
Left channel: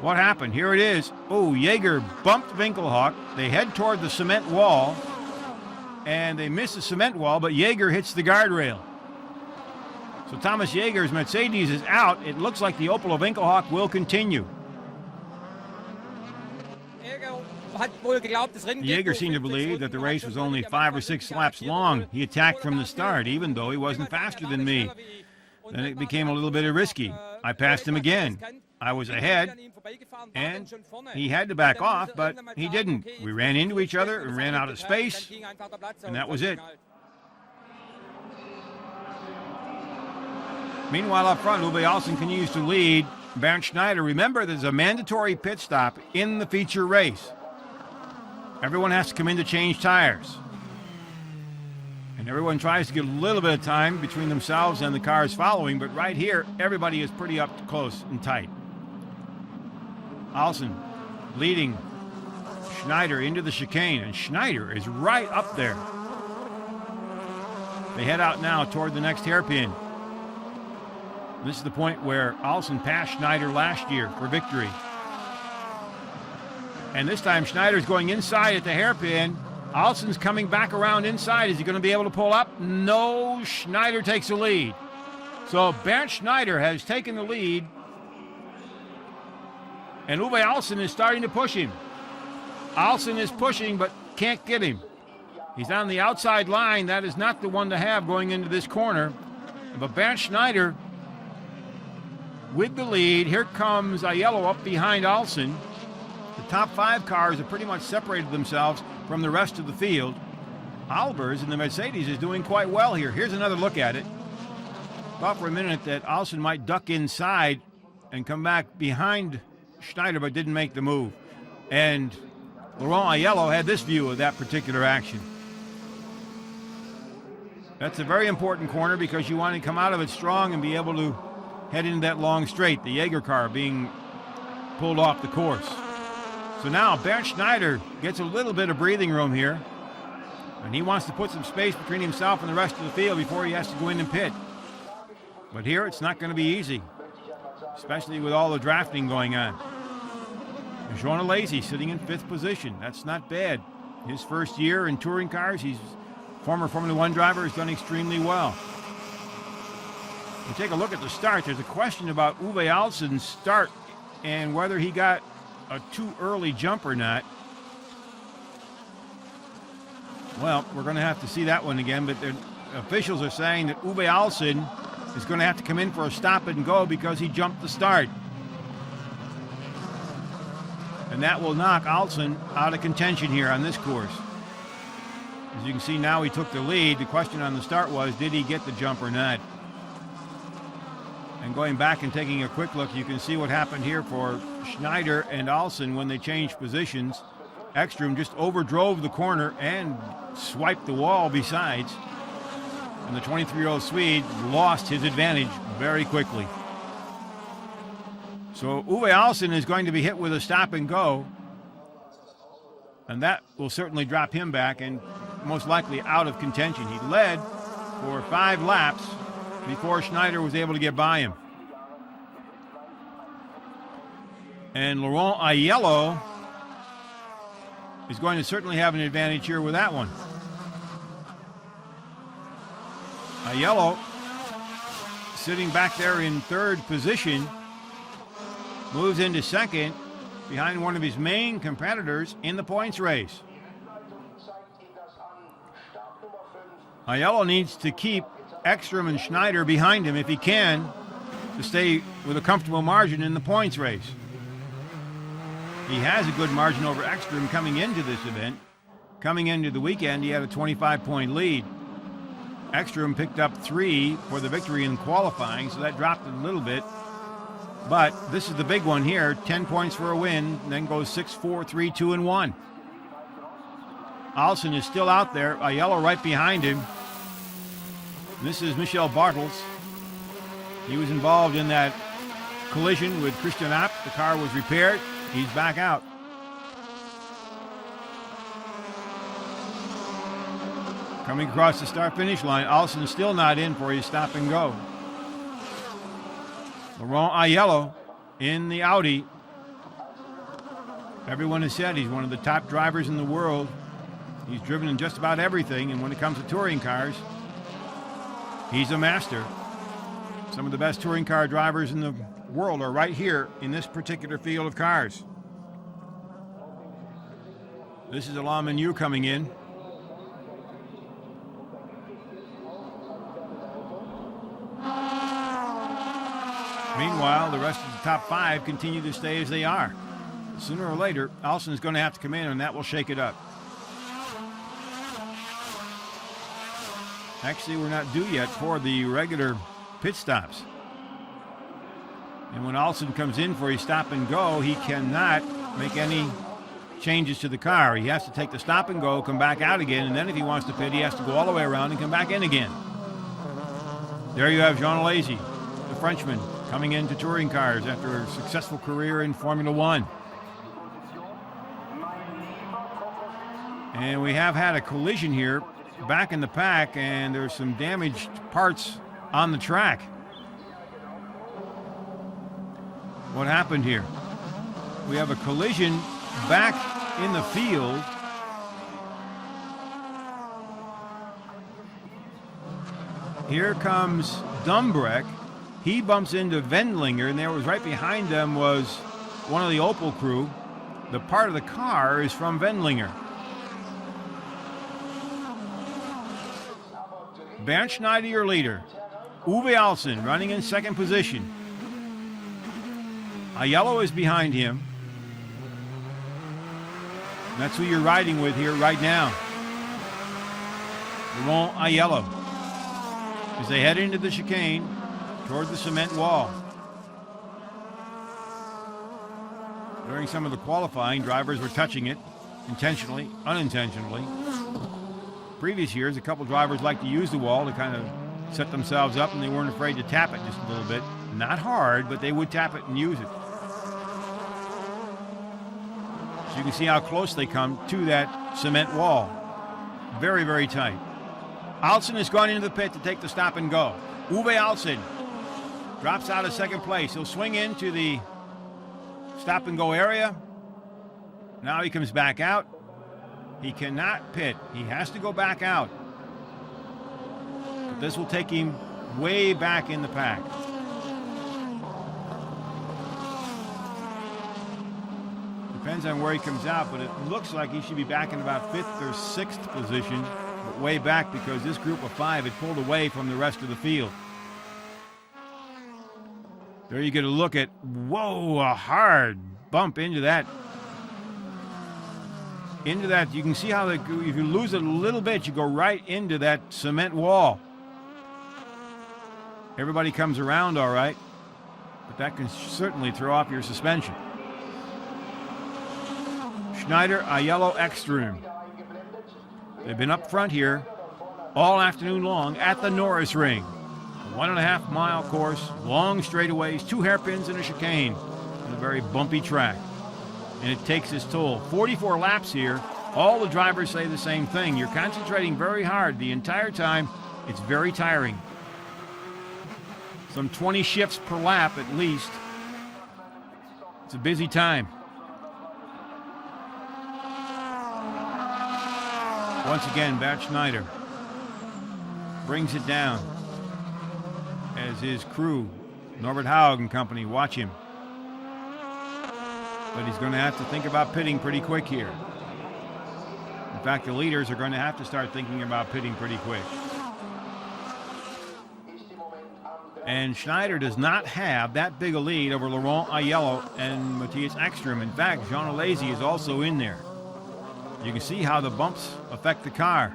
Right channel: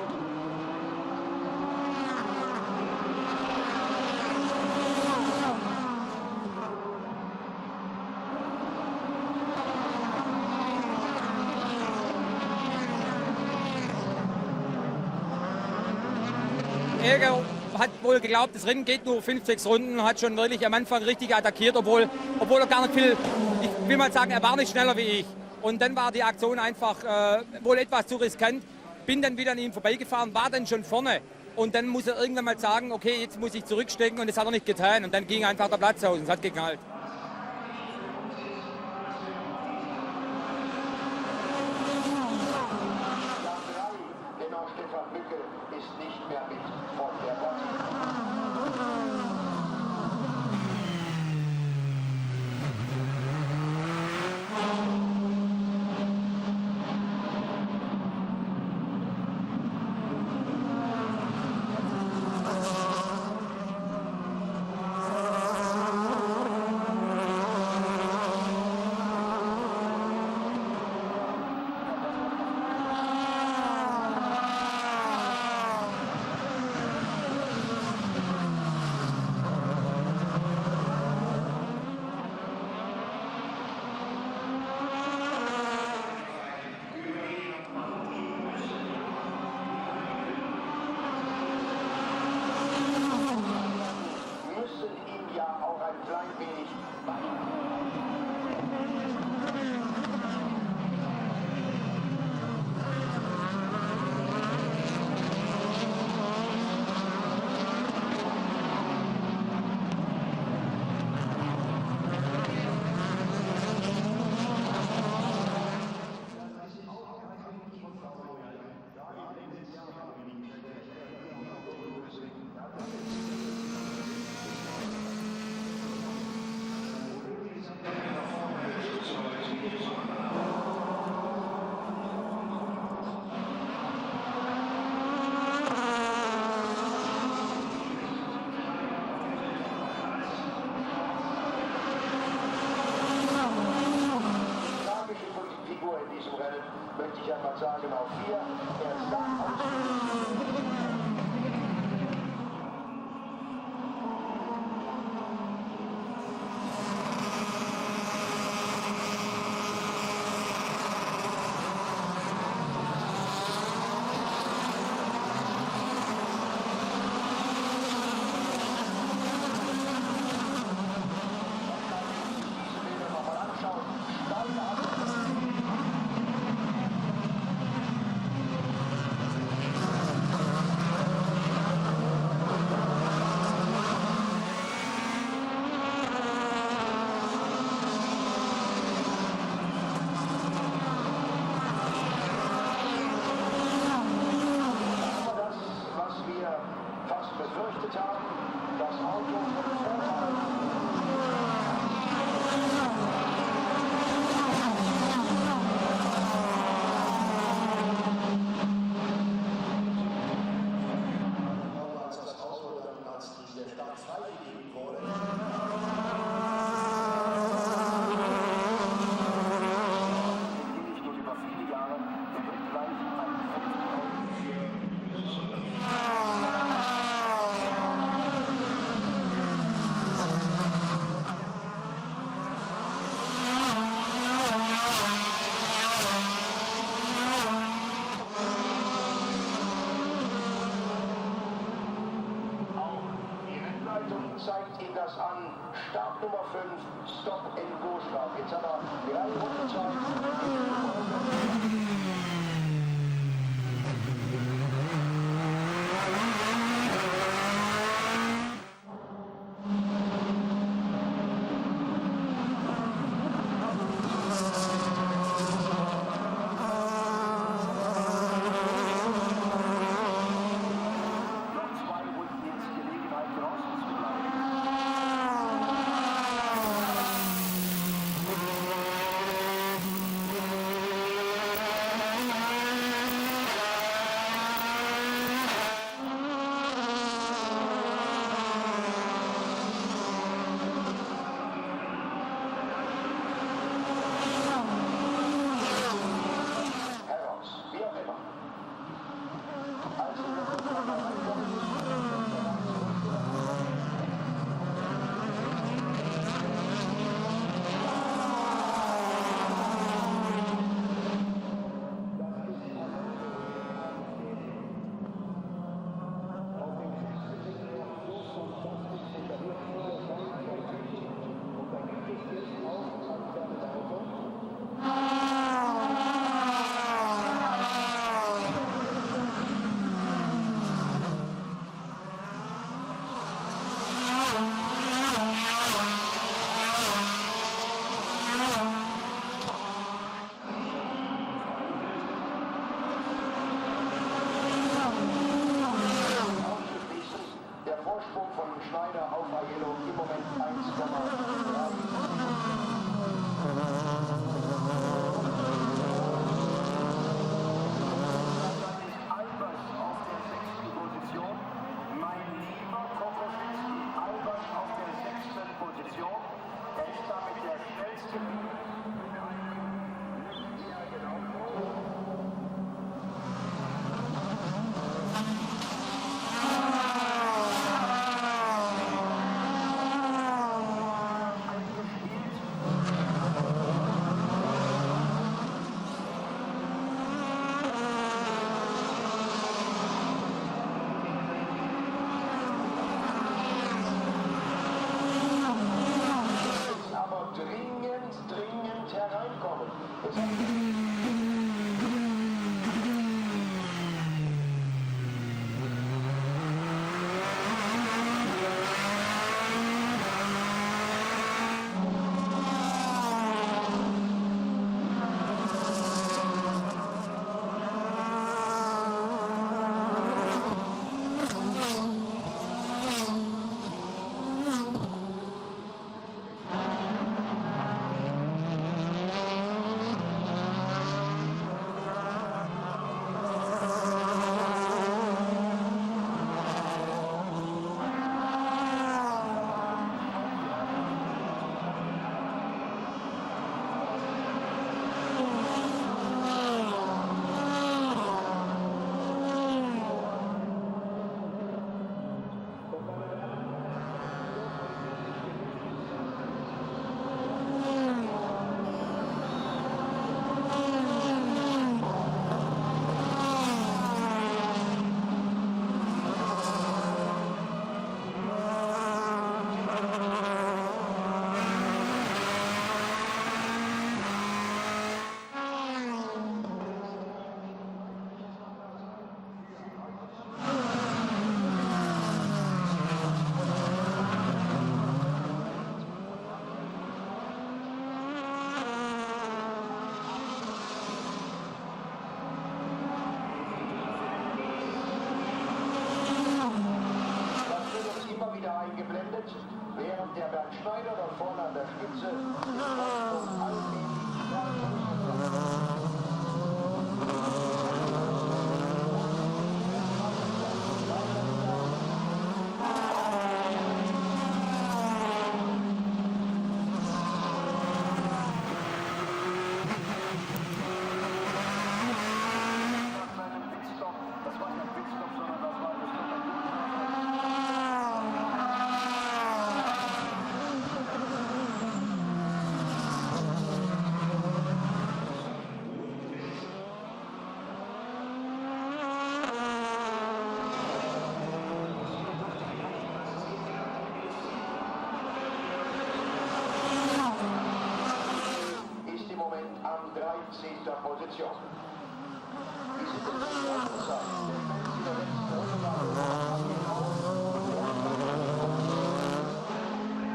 What happened? Here it is. Oh, Jaeger bumped Winkelhock. They head toward the cement wall, and they miss the cement wall, but Jaeger hits the guardrail. So Thomas Jäger's Mercedes is out. It looks like the Opel of Winkelhock will continue. Jäger hat wohl geglaubt, das Rennen geht nur 5-6 Runden, hat schon neulich am Anfang richtig attackiert, obwohl er gar nicht viel, wie man sagt, er war nicht schneller wie ich. Und dann war die Aktion einfach wohl etwas zu riskant. Bin dann wieder an ihm vorbeigefahren, war dann schon vorne. Und dann muss er irgendwann mal sagen, okay, jetzt muss ich zurückstecken und das hat er nicht getan. Und dann ging einfach der Platz aus. Das ging halt. Meanwhile, up front, Uwe Alsen continues to lead Bernd Schneider. Remember, there's a mandatory pit stop in the feature race. Everyone has to come in to change tires. And everyone tries to give a little bit of time between themselves and the cars following, but right here, everybody is pretty up close and tight. Alsen leading Schneider into the chicane, and Schneider is right up there. They head out now toward the next hairpin. This is the point where Alsen passed Schneider last year for victory. And this time Schneider's going inside at the hairpin. Alsen's coming back around inside. Is he going to be able to pull up? No, Schneider takes the lead. So Bernd Schneider has taken the lead. And Uwe Alsen is starting to push him. Alsen is pushing but can't get him. He's on the outside line. That is not the one to have going into this corner. But Bernd Schneider with the lead. Here comes Aiello up behind Alsen. The top 5 cars have pretty much separated themselves from the rest of the field. Albers and the Mercedes is doing quite well here. Here's another look at it. Thought for a minute that Alsen might duck inside and come back behind Schneider, but didn't make the move. And Laurent Aiello had this view of that particular action. That's a very important corner because you want to come out of it strong and be able to head into that long straight, the Jaeger car being pulled off the course. So now Bernd Schneider gets a little bit of breathing room here, and he wants to put some space between himself and the rest of the field before he has to go in and pit. But here it's not going to be easy, especially with all the drafting going on. Jean ALESI sitting in 5th position. That's not bad. His first year in touring cars, he's a former Formula 1 driver, has done extremely well. We take a look at the start. There's a question about Uwe Alsen's start and whether he got a too early jump or not. Well, we're going to have to see that one again, but the officials are saying that Uwe Alsen is going to have to come in for a stop and go because he jumped the start. And that will knock Alsen out of contention here on this course. As you can see now, he took the lead. The question on the start was, did he get the jump or not? And going back and taking a quick look, you can see what happened here for Schneider and Alsen when they changed positions. EKSTRÖM just overdrove the corner and swiped the wall besides. And the 23-year-old Swede lost his advantage very quickly. So Uwe Alsen is going to be hit with a stop and go. And that will certainly drop him back and most likely out of contention. He led for 5 laps before Schneider was able to get by him. And Laurent Aiello is going to certainly have an advantage here with that one. Aiello sitting back there in 3rd position, moves into 2nd behind one of his main competitors in the points race. Aiello needs to keep EKSTRÖM and Schneider behind him if he can to stay with a comfortable margin in the points race. He has a good margin over EKSTRÖM coming into this event. Coming into the weekend, he had a 25-point lead. EKSTRÖM picked up 3 for the victory in qualifying, so that dropped a little bit. But this is the big one here, 10 points for a win, then goes 6-4, 3-2, and 1. Alsen is still out there, Aiello right behind him. This is Michel Bartels. He was involved in that collision with Christian Opp. The car was repaired. He's back out. Coming across the start-finish line, Alsen is still not in for his stop and go. Laurent Aiello in the Audi. Everyone has said he's one of the top drivers in the world. He's driven in just about everything, and when it comes to touring cars, he's a master. Some of the best touring car drivers in the world are right here in this particular field of cars. This is Alain Menu coming in. Meanwhile, the rest of the top 5 continue to stay as they are. Sooner or later, Alessi is going to have to come in, and that will shake it up. Actually, we're not due yet for the regular pit stops. And when Alessi comes in for a stop and go, he cannot make any changes to the car. He has to take the stop and go, come back out again, and then if he wants to pit, he has to go all the way around and come back in again. There you have Jean ALESI, the Frenchman, coming into touring cars after a successful career in Formula One. And we have had a collision here back in the pack, and there's some damaged parts on the track. What happened here? We have a collision back in the field. Here comes Dumbreck. He bumps into Wendlinger, and there was right behind them was one of the Opel crew. The part of the car is from Wendlinger. Bernd Schneider, your leader. Uwe Alessi running in second position. Aiello is behind him. That's who you're riding with here right now. Laurent Aiello. As they head into the chicane towards the cement wall. During some of the qualifying, drivers were touching it intentionally, unintentionally. Previous years, a couple drivers like to use the wall to kind of set themselves up, and they weren't afraid to tap it just a little bit. Not hard, but they would tap it and use it. So you can see how close they come to that cement wall. Very, very tight. Alessi has gone into the pit to take the stop and go. Uwe Alessi drops out of second place. He'll swing into the stop and go area. Now he comes back out. He cannot pit. He has to go back out. This will take him way back in the pack. Depends on where he comes out, but it looks like he should be back in about 5th or 6th position, but way back because this group of 5 is pulled away from the rest of the field. There you get a look at, whoa, a hard bump into that. You can see how if you lose it a little bit, you go right into that cement wall. Everybody comes around all right, but that can certainly throw off your suspension. Schneider, Aiello, EKSTRÖM. They've been up front here all afternoon long at the Norisring. 1.5 mile course, long straightaways, 2 hairpins and a chicane. A very bumpy track. And it takes its toll. 44 laps here. All the drivers say the same thing. You're concentrating very hard the entire time. It's very tiring. Some 20 shifts per lap at least. It's a busy time. Once again, Bernd Schneider brings it down as his crew, Norbert Haug and company, watch him. But he's going to have to think about pitting pretty quick here. In fact, the leaders are going to have to start thinking about pitting pretty quick. And Schneider does not have that big a lead over Laurent Aiello and Mattias EKSTRÖM. In fact, Jean ALESI is also in there. You can see how the bumps affect the car.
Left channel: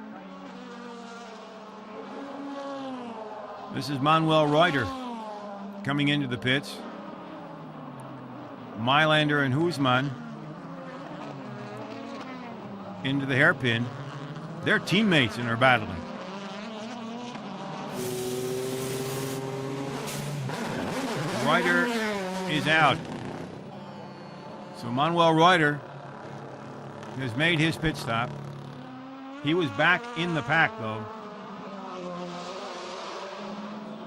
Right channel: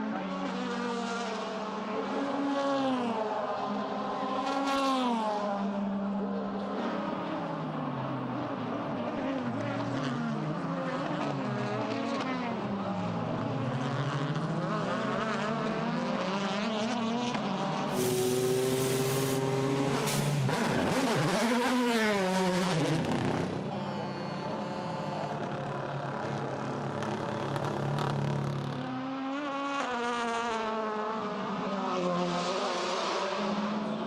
This is Manuel Reuter coming into the pits. Mailander and Husmann into the hairpin. They're teammates and they're battling. Reuter is out. So Manuel Reuter has made his pit stop. He was back in the pack though.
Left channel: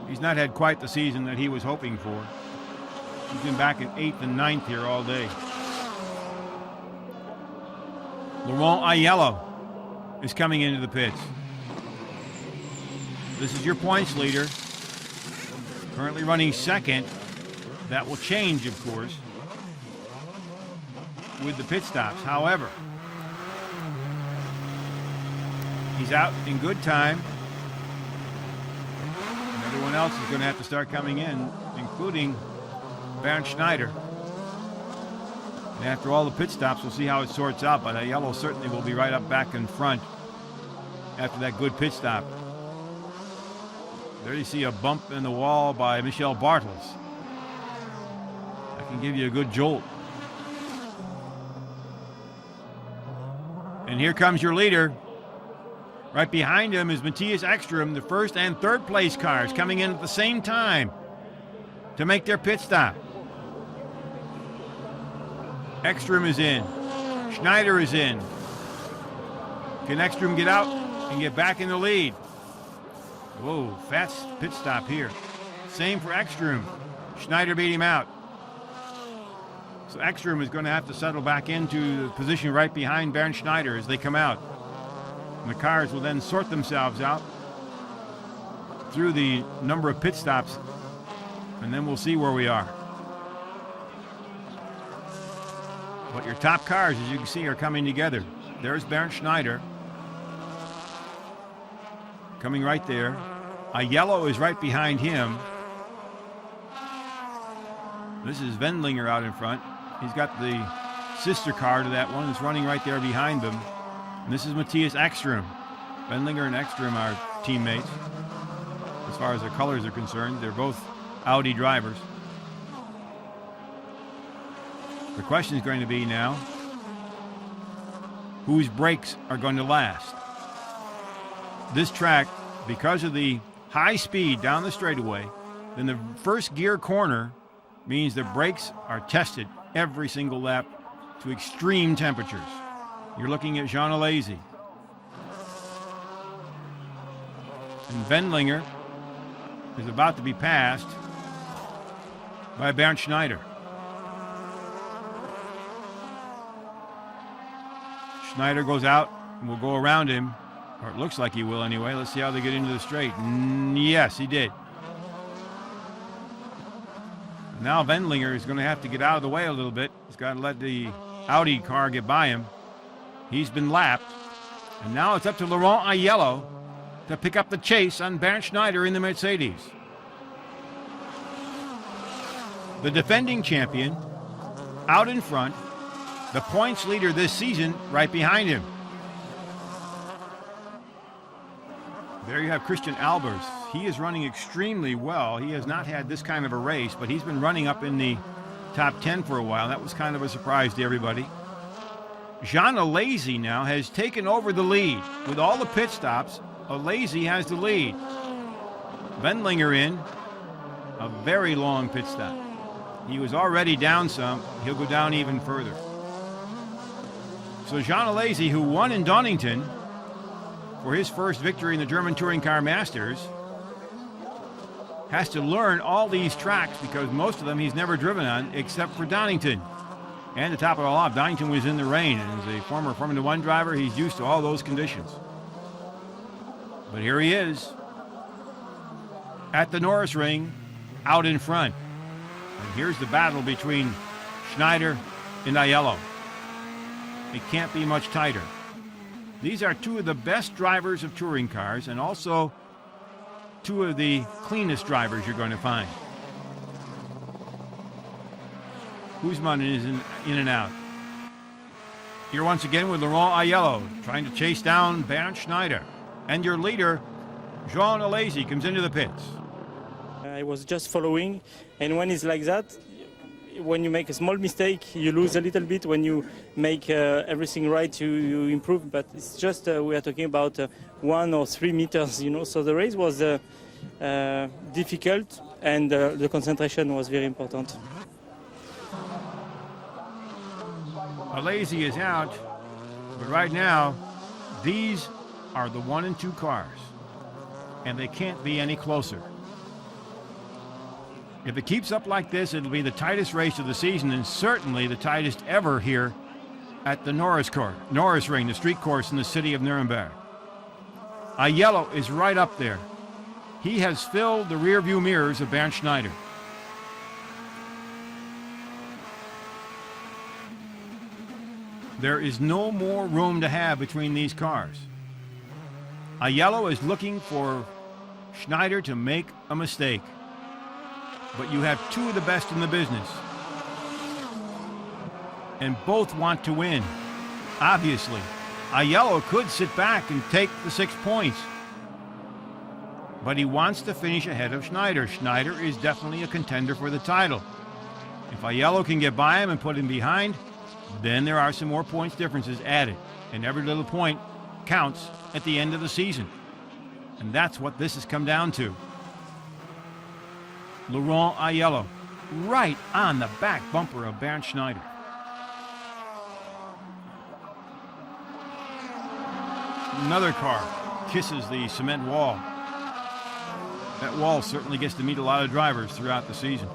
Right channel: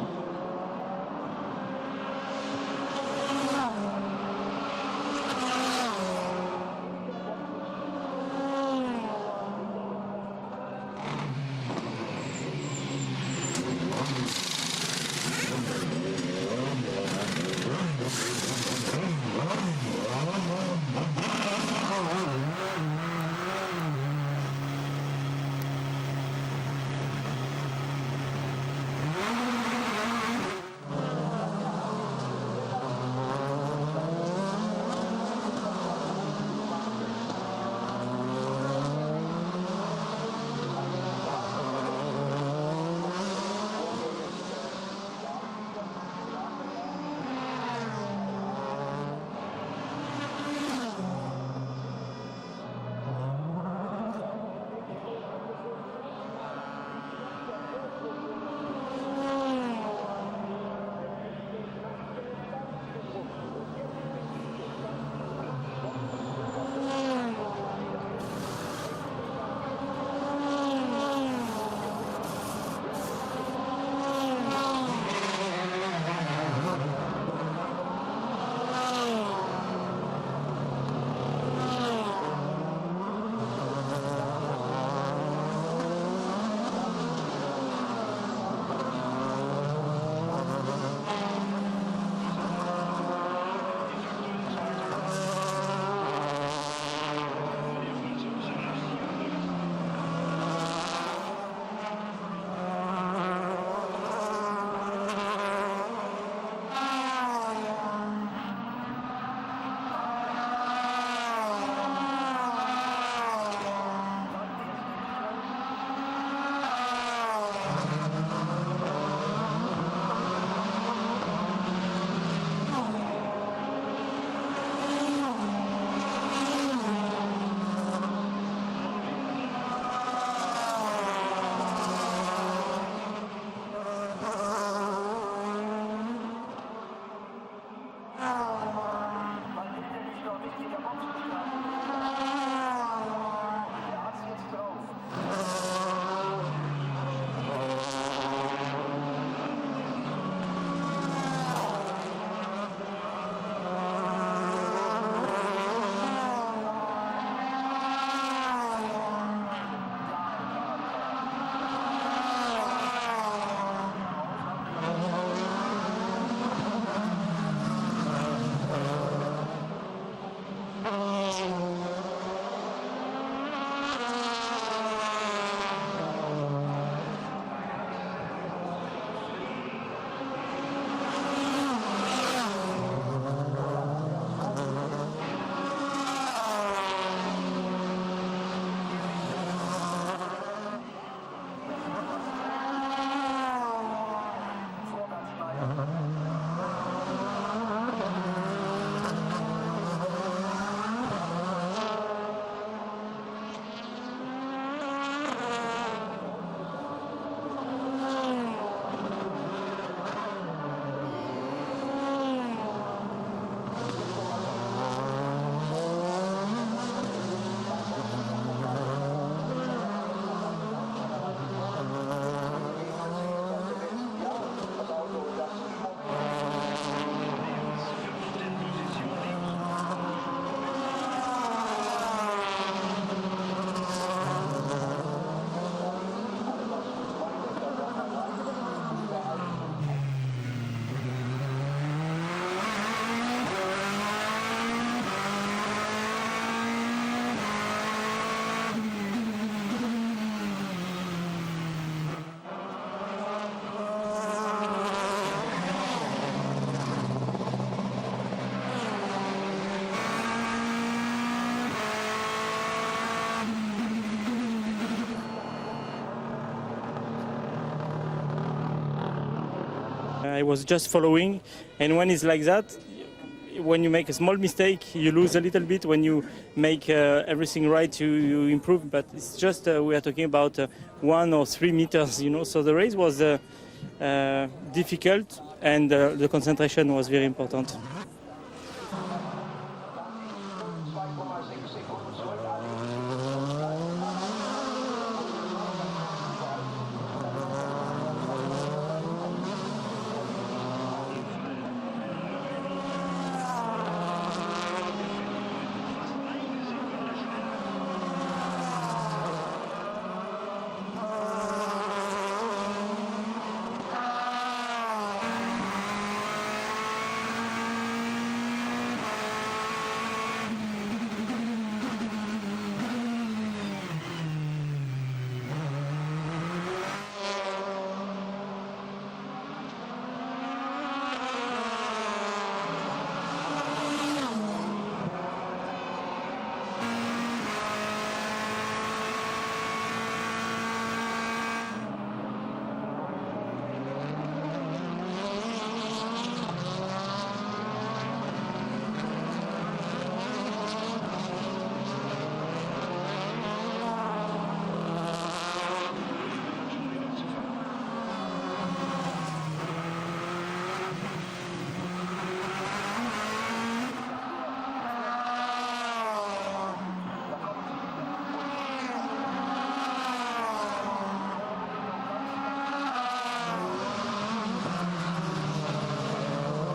He's not had quite the season that he was hoping for. He's been back in 8th and 9th here all day. Laurent Aiello is coming into the pits. This is your points leader. Currently running second. That will change, of course, with the pit stops. However, he's out in good time. Everyone else is going to have to start coming in, including Bernd Schneider. And after all the pit stops, we'll see how it sorts out, but a yellow certainly will be right up back in front after that good pit stop. There you see a bump in the wall by Michel Bartels. That can give you a good jolt. And here comes your leader. Right behind him is Mattias EKSTRÖM, the first and third place cars coming in at the same time to make their pit stop. EKSTRÖM is in. Schneider is in. Can EKSTRÖM get out and get back in the lead? Whoa, fast pit stop here. Same for EKSTRÖM. Schneider beat him out. So EKSTRÖM is going to have to settle back into position right behind Bernd Schneider as they come out. The cars will then sort themselves out through the number of pit stops, and then we'll see where we are. But your top cars, as you can see, are coming together. There's Bernd Schneider coming right there. A yellow is right behind him. This is Wendlinger out in front. He's got the sister car to that one. It's running right there behind them. And this is Mattias EKSTRÖM. Wendlinger and EKSTRÖM are teammates. As far as the colors are concerned, they're both Audi drivers. The question is going to be now, whose brakes are going to last? This track, because of the high speed down the straightaway, in the first gear corner means the brakes are tested every single lap to extreme temperatures. You're looking at Jean ALESI. And Wendlinger is about to be passed by Bernd Schneider. Schneider goes out and will go around him. Or it looks like he will anyway. Let's see how they get into the straight. Yes, he did. Now Wendlinger is going to have to get out of the way a little bit. He's got to let the Audi car get by him. He's been lapped. And now it's up to Laurent Aiello to pick up the chase on Bernd Schneider in the Mercedes. The defending champion out in front. The points leader this season right behind him. There you have Christian Albers. He is running extremely well. He has not had this kind of a race, but he's been running up in the top 10 for a while. That was kind of a surprise to everybody. Jean ALESI now has taken over the lead. With all the pit stops, ALESI has the lead. Wendlinger in, a very long pit stop. He was already down some. He'll go down even further. So Jean ALESI, who won in Donington for his first victory in the German Touring Car Masters, has to learn all these tracks because most of them he's never driven on except for Donington. And to top it all off, Donington was in the rain. And as a former Formula One driver, he's used to all those conditions. But here he is at the Norisring, out in front. And here's the battle between Schneider and Aiello. It can't be much tighter. These are two of the best drivers of touring cars and also two of the cleanest drivers you're going to find. Guzman is in and out. Here once again with Laurent Aiello trying to chase down Bernd Schneider. And your leader, Jean ALESI, comes into the pits. I was just following, and when it's like that, when you make a small mistake, you lose a little bit. When you make everything right, you improve. But it's just we are talking about 1 or 3 meters, you know. So the race was difficult, and the concentration was very important. ALESI is out. But right now, these are the 1 and 2 cars, and they can't be any closer. If it keeps up like this, it'll be the tightest race of the season and certainly the tightest ever here at the Norisring, the street course in the city of Nuremberg. Aiello is right up there. He has filled the rear-view mirrors of Bernd Schneider. There is no more room to have between these cars. Aiello is looking for Schneider to make a mistake. But you have two of the best in the business. And both want to win, obviously. Aiello could sit back and take the 6 points. But he wants to finish ahead of Schneider. Schneider is definitely a contender for the title. If Aiello can get by him and put him behind, then there are some more points differences added. And every little point counts at the end of the season. And that's what this has come down to. Laurent Aiello, right on the back bumper of Bernd Schneider. Another car kisses the cement wall. That wall certainly gets to meet a lot of drivers throughout the season.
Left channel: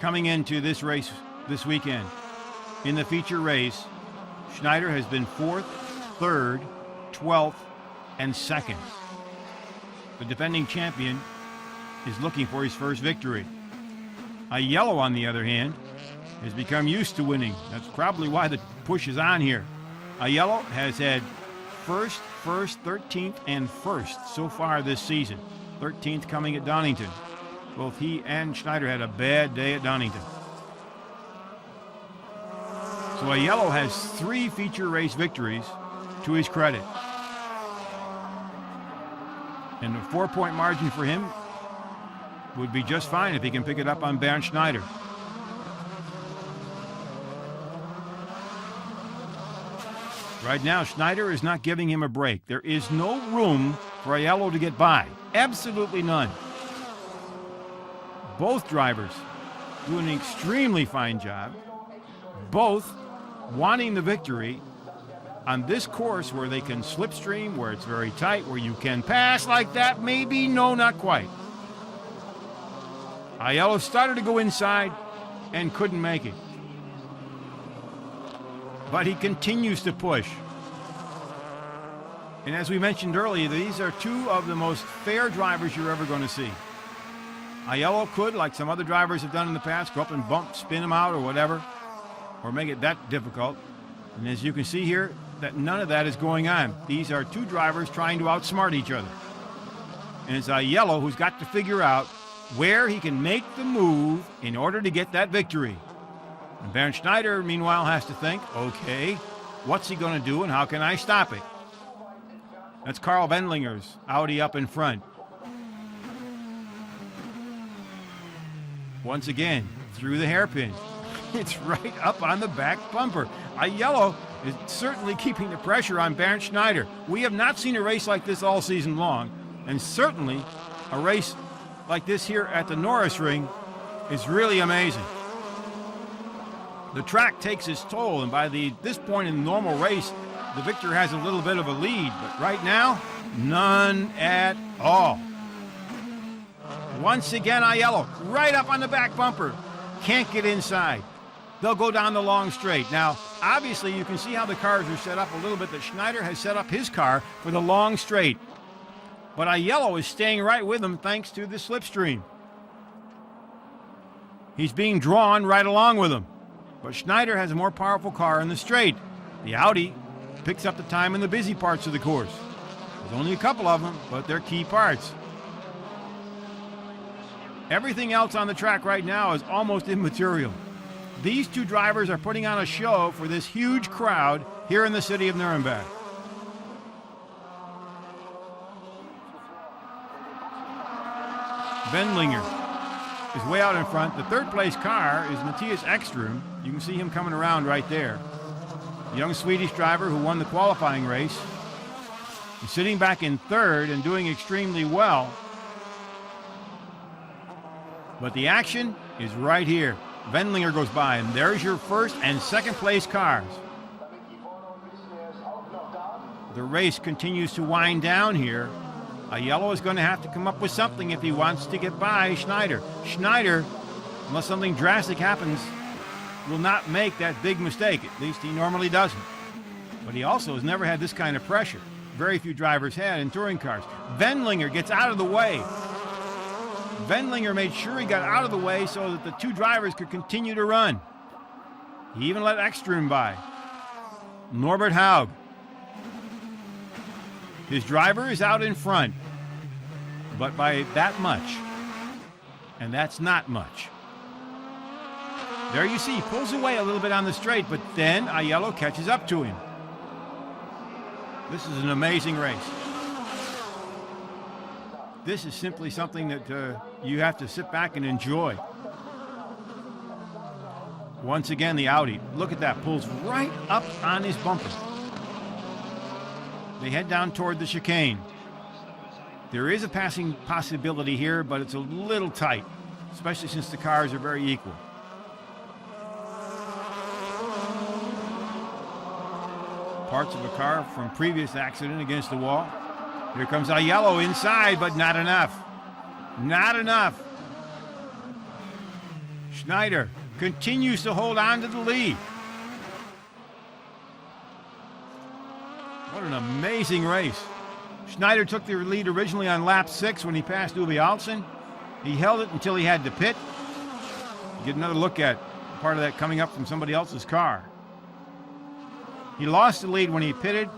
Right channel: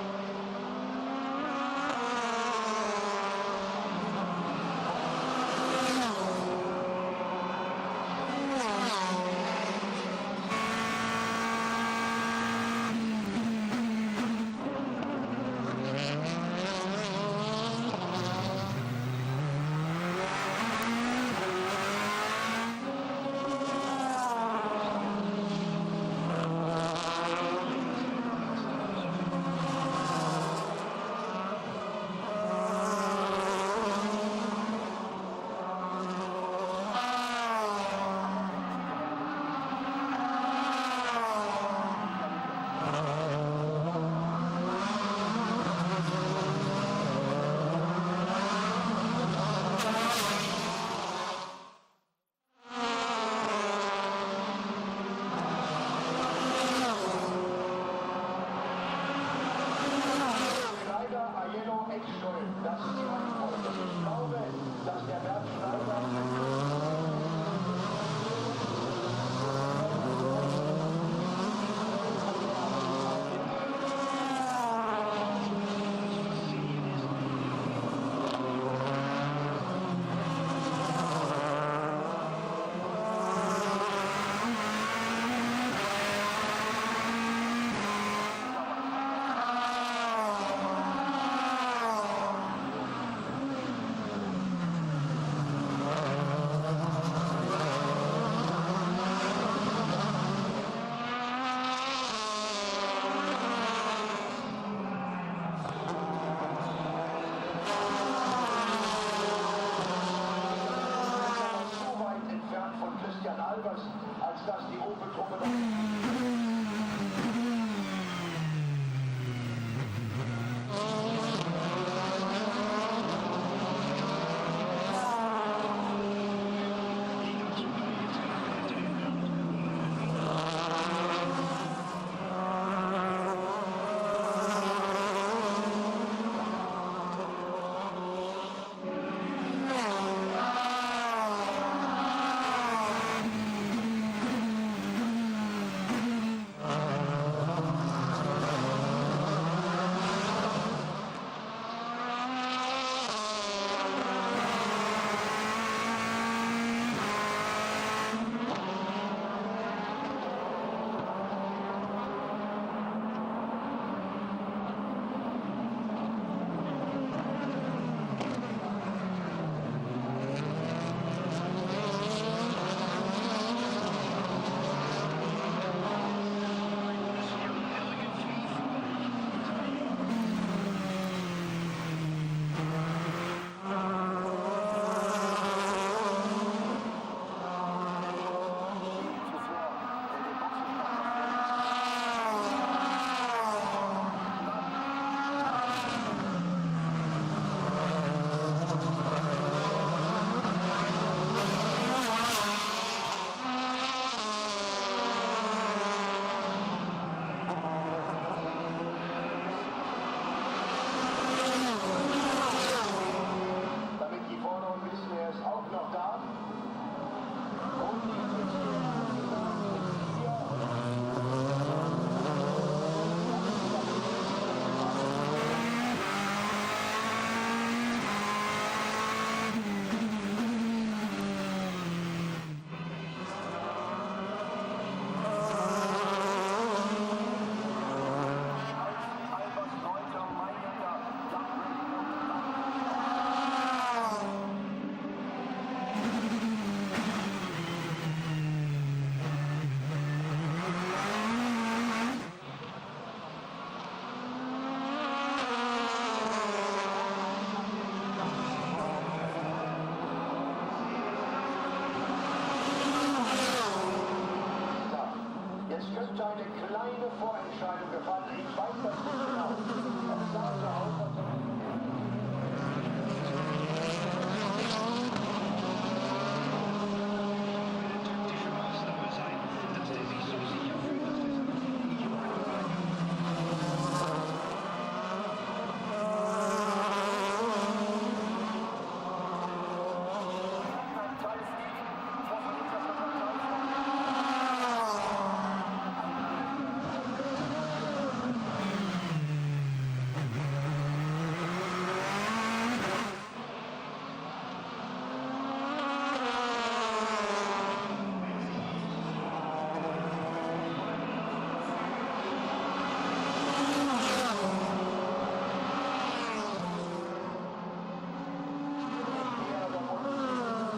Coming into this race this weekend, in the feature race, Schneider has been 4th, 3rd, 12th, and 2nd. The defending champion is looking for his first victory. Aiello, on the other hand, has become used to winning. That's probably why the push is on here. Aiello has had 1st, 13th, and 1st so far this season. 13th coming at Donington. Both he and Schneider had a bad day at Donington. So Aiello has 3 feature race victories to his credit. And the 4-point margin for him would be just fine if he can pick it up on Bernd Schneider. Right now, Schneider is not giving him a break. There is no room for Aiello to get by. Absolutely none. Both drivers do an extremely fine job. Both wanting the victory on this course where they can slipstream, where it's very tight, where you can pass like that. Maybe, no, not quite. Aiello started to go inside and couldn't make it. But he continues to push. And as we mentioned earlier, these are 2 of the most fair drivers you're ever going to see. Aiello could, like some other drivers have done in the past, go up and bump, spin him out or whatever, or make it that difficult. And as you can see here, that none of that is going on. These are 2 drivers trying to outsmart each other. And it's Aiello who's got to figure out where he can make the move in order to get that victory. And Bernd Schneider, meanwhile, has to think, okay, what's he going to do and how can I stop it? That's Carl Wendlinger's Audi up in front. Once again, through the hairpin. It's right up on the back bumper. Aiello is certainly keeping the pressure on Bernd Schneider. We have not seen a race like this all season long, and certainly a race like this here at the Norisring is really amazing. The track takes its toll, and by this point in the normal race, the victor has a little bit of a lead, but right now, none at all. Once again, Aiello, right up on the back bumper. Can't get inside. They'll go down the long straight. Now, obviously, you can see how the cars are set up a little bit, that Schneider has set up his car for the long straight. But Aiello is staying right with him thanks to the slipstream. He's being drawn right along with him. But Schneider has a more powerful car in the straight. The Audi picks up the time in the busy parts of the course. There's only a couple of them, but they're key parts. Everything else on the track right now is almost immaterial. These 2 drivers are putting on a show for this huge crowd here in the city of Nuremberg. Wendlinger is way out in front. The 3rd place car is Mattias EKSTRÖM. You can see him coming around right there. The young Swedish driver who won the qualifying race is sitting back in 3rd and doing extremely well. But the action is right here. Wendlinger goes by, and there's your 1st and 2nd place cars. The race continues to wind down here. Aiello is going to have to come up with something if he wants to get by Schneider. Schneider, unless something drastic happens, will not make that big mistake. At least he normally doesn't. But he also has never had this kind of pressure. very few drivers had in touring cars. Wendlinger gets out of the way. Wendlinger made sure he got out of the way so that the two drivers could continue to run. He even let EKSTRÖM by. Norbert Haug. His driver is out in front, but by that much. And that's not much. There you see, he pulls away a little bit on the straight, but then Aiello catches up to him. This is an amazing race. This is simply something that you have to sit back and enjoy. Once again, the Audi, look at that, pulls right up on his bumper. They head down toward the chicane. There is a passing possibility here, but it's a little tight, especially since the cars are very equal. Parts of a car from previous accident against the wall. Here comes Aiello inside, but not enough. Not enough. Schneider continues to hold on to the lead. What an amazing race. Schneider took the lead originally on lap 6 when he passed Uwe Alsen. He held it until he had to pit. Get another look at part of that coming up from somebody else's car. He lost the lead when he pitted.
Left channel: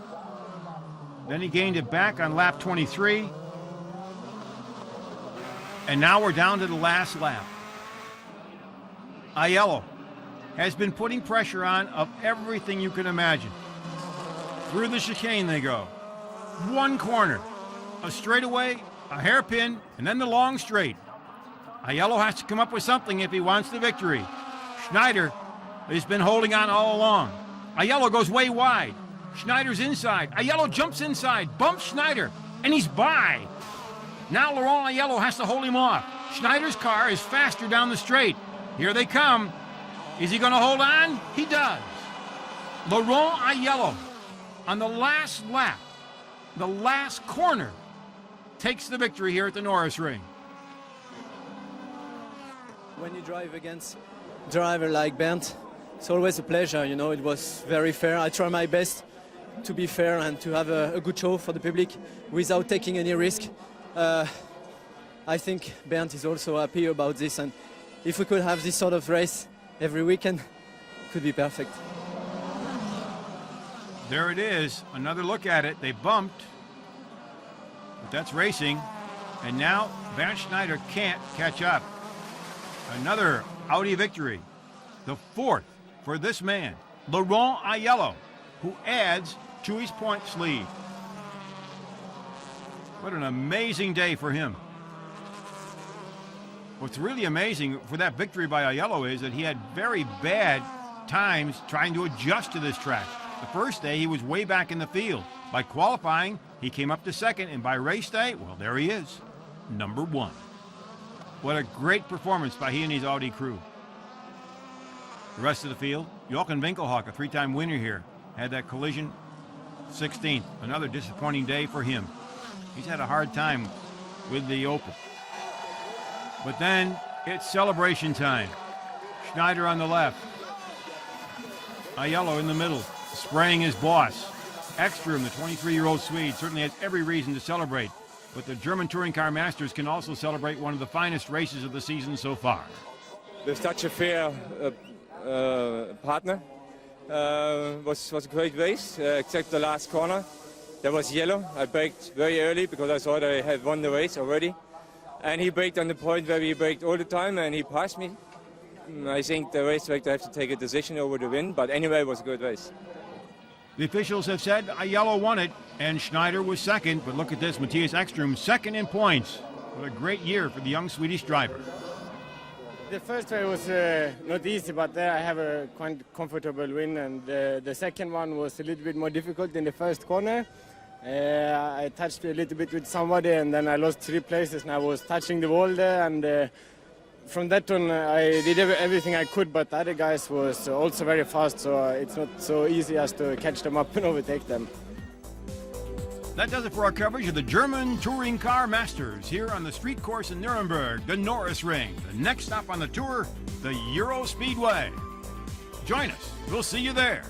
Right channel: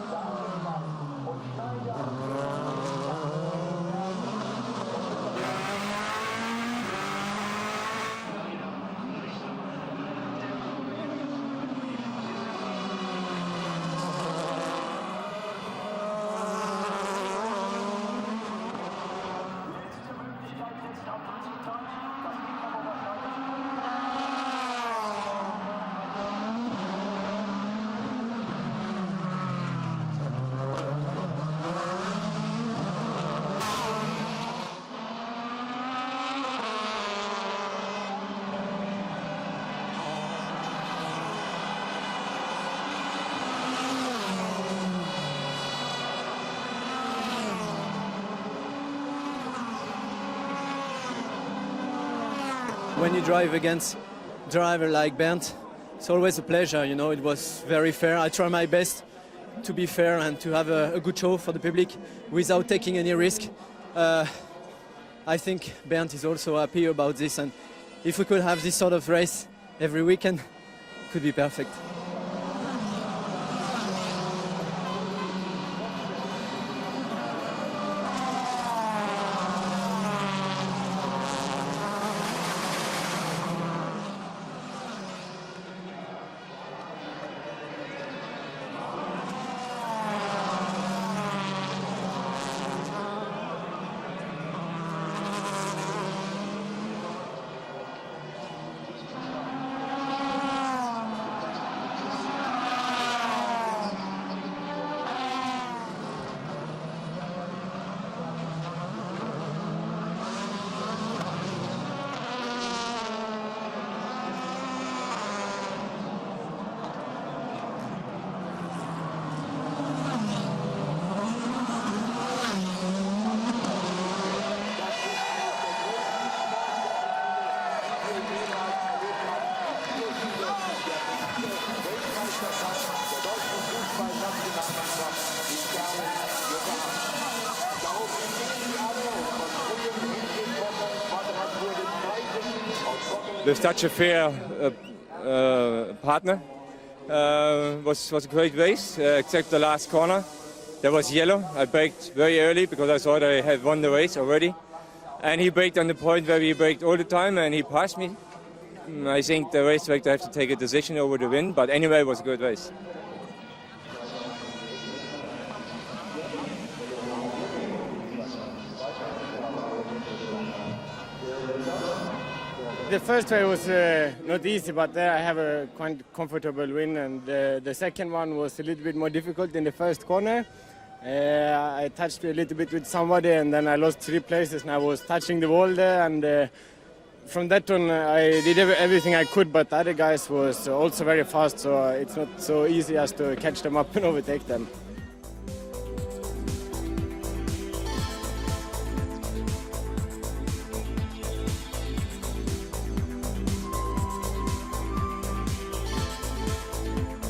Then he gained it back on lap 23. And now we're down to the last lap. Aiello has been putting pressure on of everything you can imagine. Through the chicane they go. One corner, a straightaway, a hairpin, and then the long straight. Aiello has to come up with something if he wants the victory. Schneider has been holding on all along. Aiello goes way wide. Schneider's inside. Aiello jumps inside, bumps Schneider, and he's by. Now Laurent Aiello has to hold him off. Schneider's car is faster down the straight. Here they come. Is he going to hold on? He does. Laurent Aiello, on the last lap, the last corner, takes the victory here at the Norisring. When you drive against a driver like Bernd, it's always a pleasure, you know. It was very fair. I try my best to be fair and to have a good show for the public without taking any risk. I think Bernd is also happy about this, and if we could have this sort of race every weekend, it could be perfect. There it is, another look at it. They bumped. That's racing, and now Bernd Schneider can't catch up. Another Audi victory, the fourth for this man, Laurent Aiello, who adds to his points lead. What an amazing day for him. What's really amazing for that victory by Aiello is that he had very bad times trying to adjust to this track. The first day he was way back in the field. By qualifying, he came up to second, and by race day, well, there he is, number 1. What a great performance by he and his Audi crew. The rest of the field, Jochen Winkelhock, a 3-time winner here, had that collision 16th. Another disappointing day for him. He's had a hard time with the Open. But then it's celebration time. Schneider on the left. Aiello in the middle, spraying his boss. EKSTRÖM, the 23-year-old Swede, certainly has every reason to celebrate. But the German Touring Car Masters can also celebrate one of the finest races of the season so far. With such a fair partner, was a great race, except the last corner. There was yellow. I braked very early because I thought I had won the race already. And he braked on the point where he braked all the time, and he passed me. I think the race director has to take a decision over the win, but anyway, it was a good race. The officials have said Aiello won it, and Schneider was second. But look at this, Mattias EKSTRÖM, second in points. What a great year for the young Swedish driver. The first try was not easy, but there I have a quite comfortable win, and the second one was a little bit more difficult in the first corner. I touched a little bit with somebody, and then I lost 3 places, and I was touching the wall there, and from that on I did everything I could, but the other guys was also very fast, so it's not so easy as to catch them up and overtake them. That does it for our coverage of the German Touring Car Masters here on the street course in Nuremberg, the Norisring. The next stop on the tour, the Euro Speedway. Join us. We'll see you there.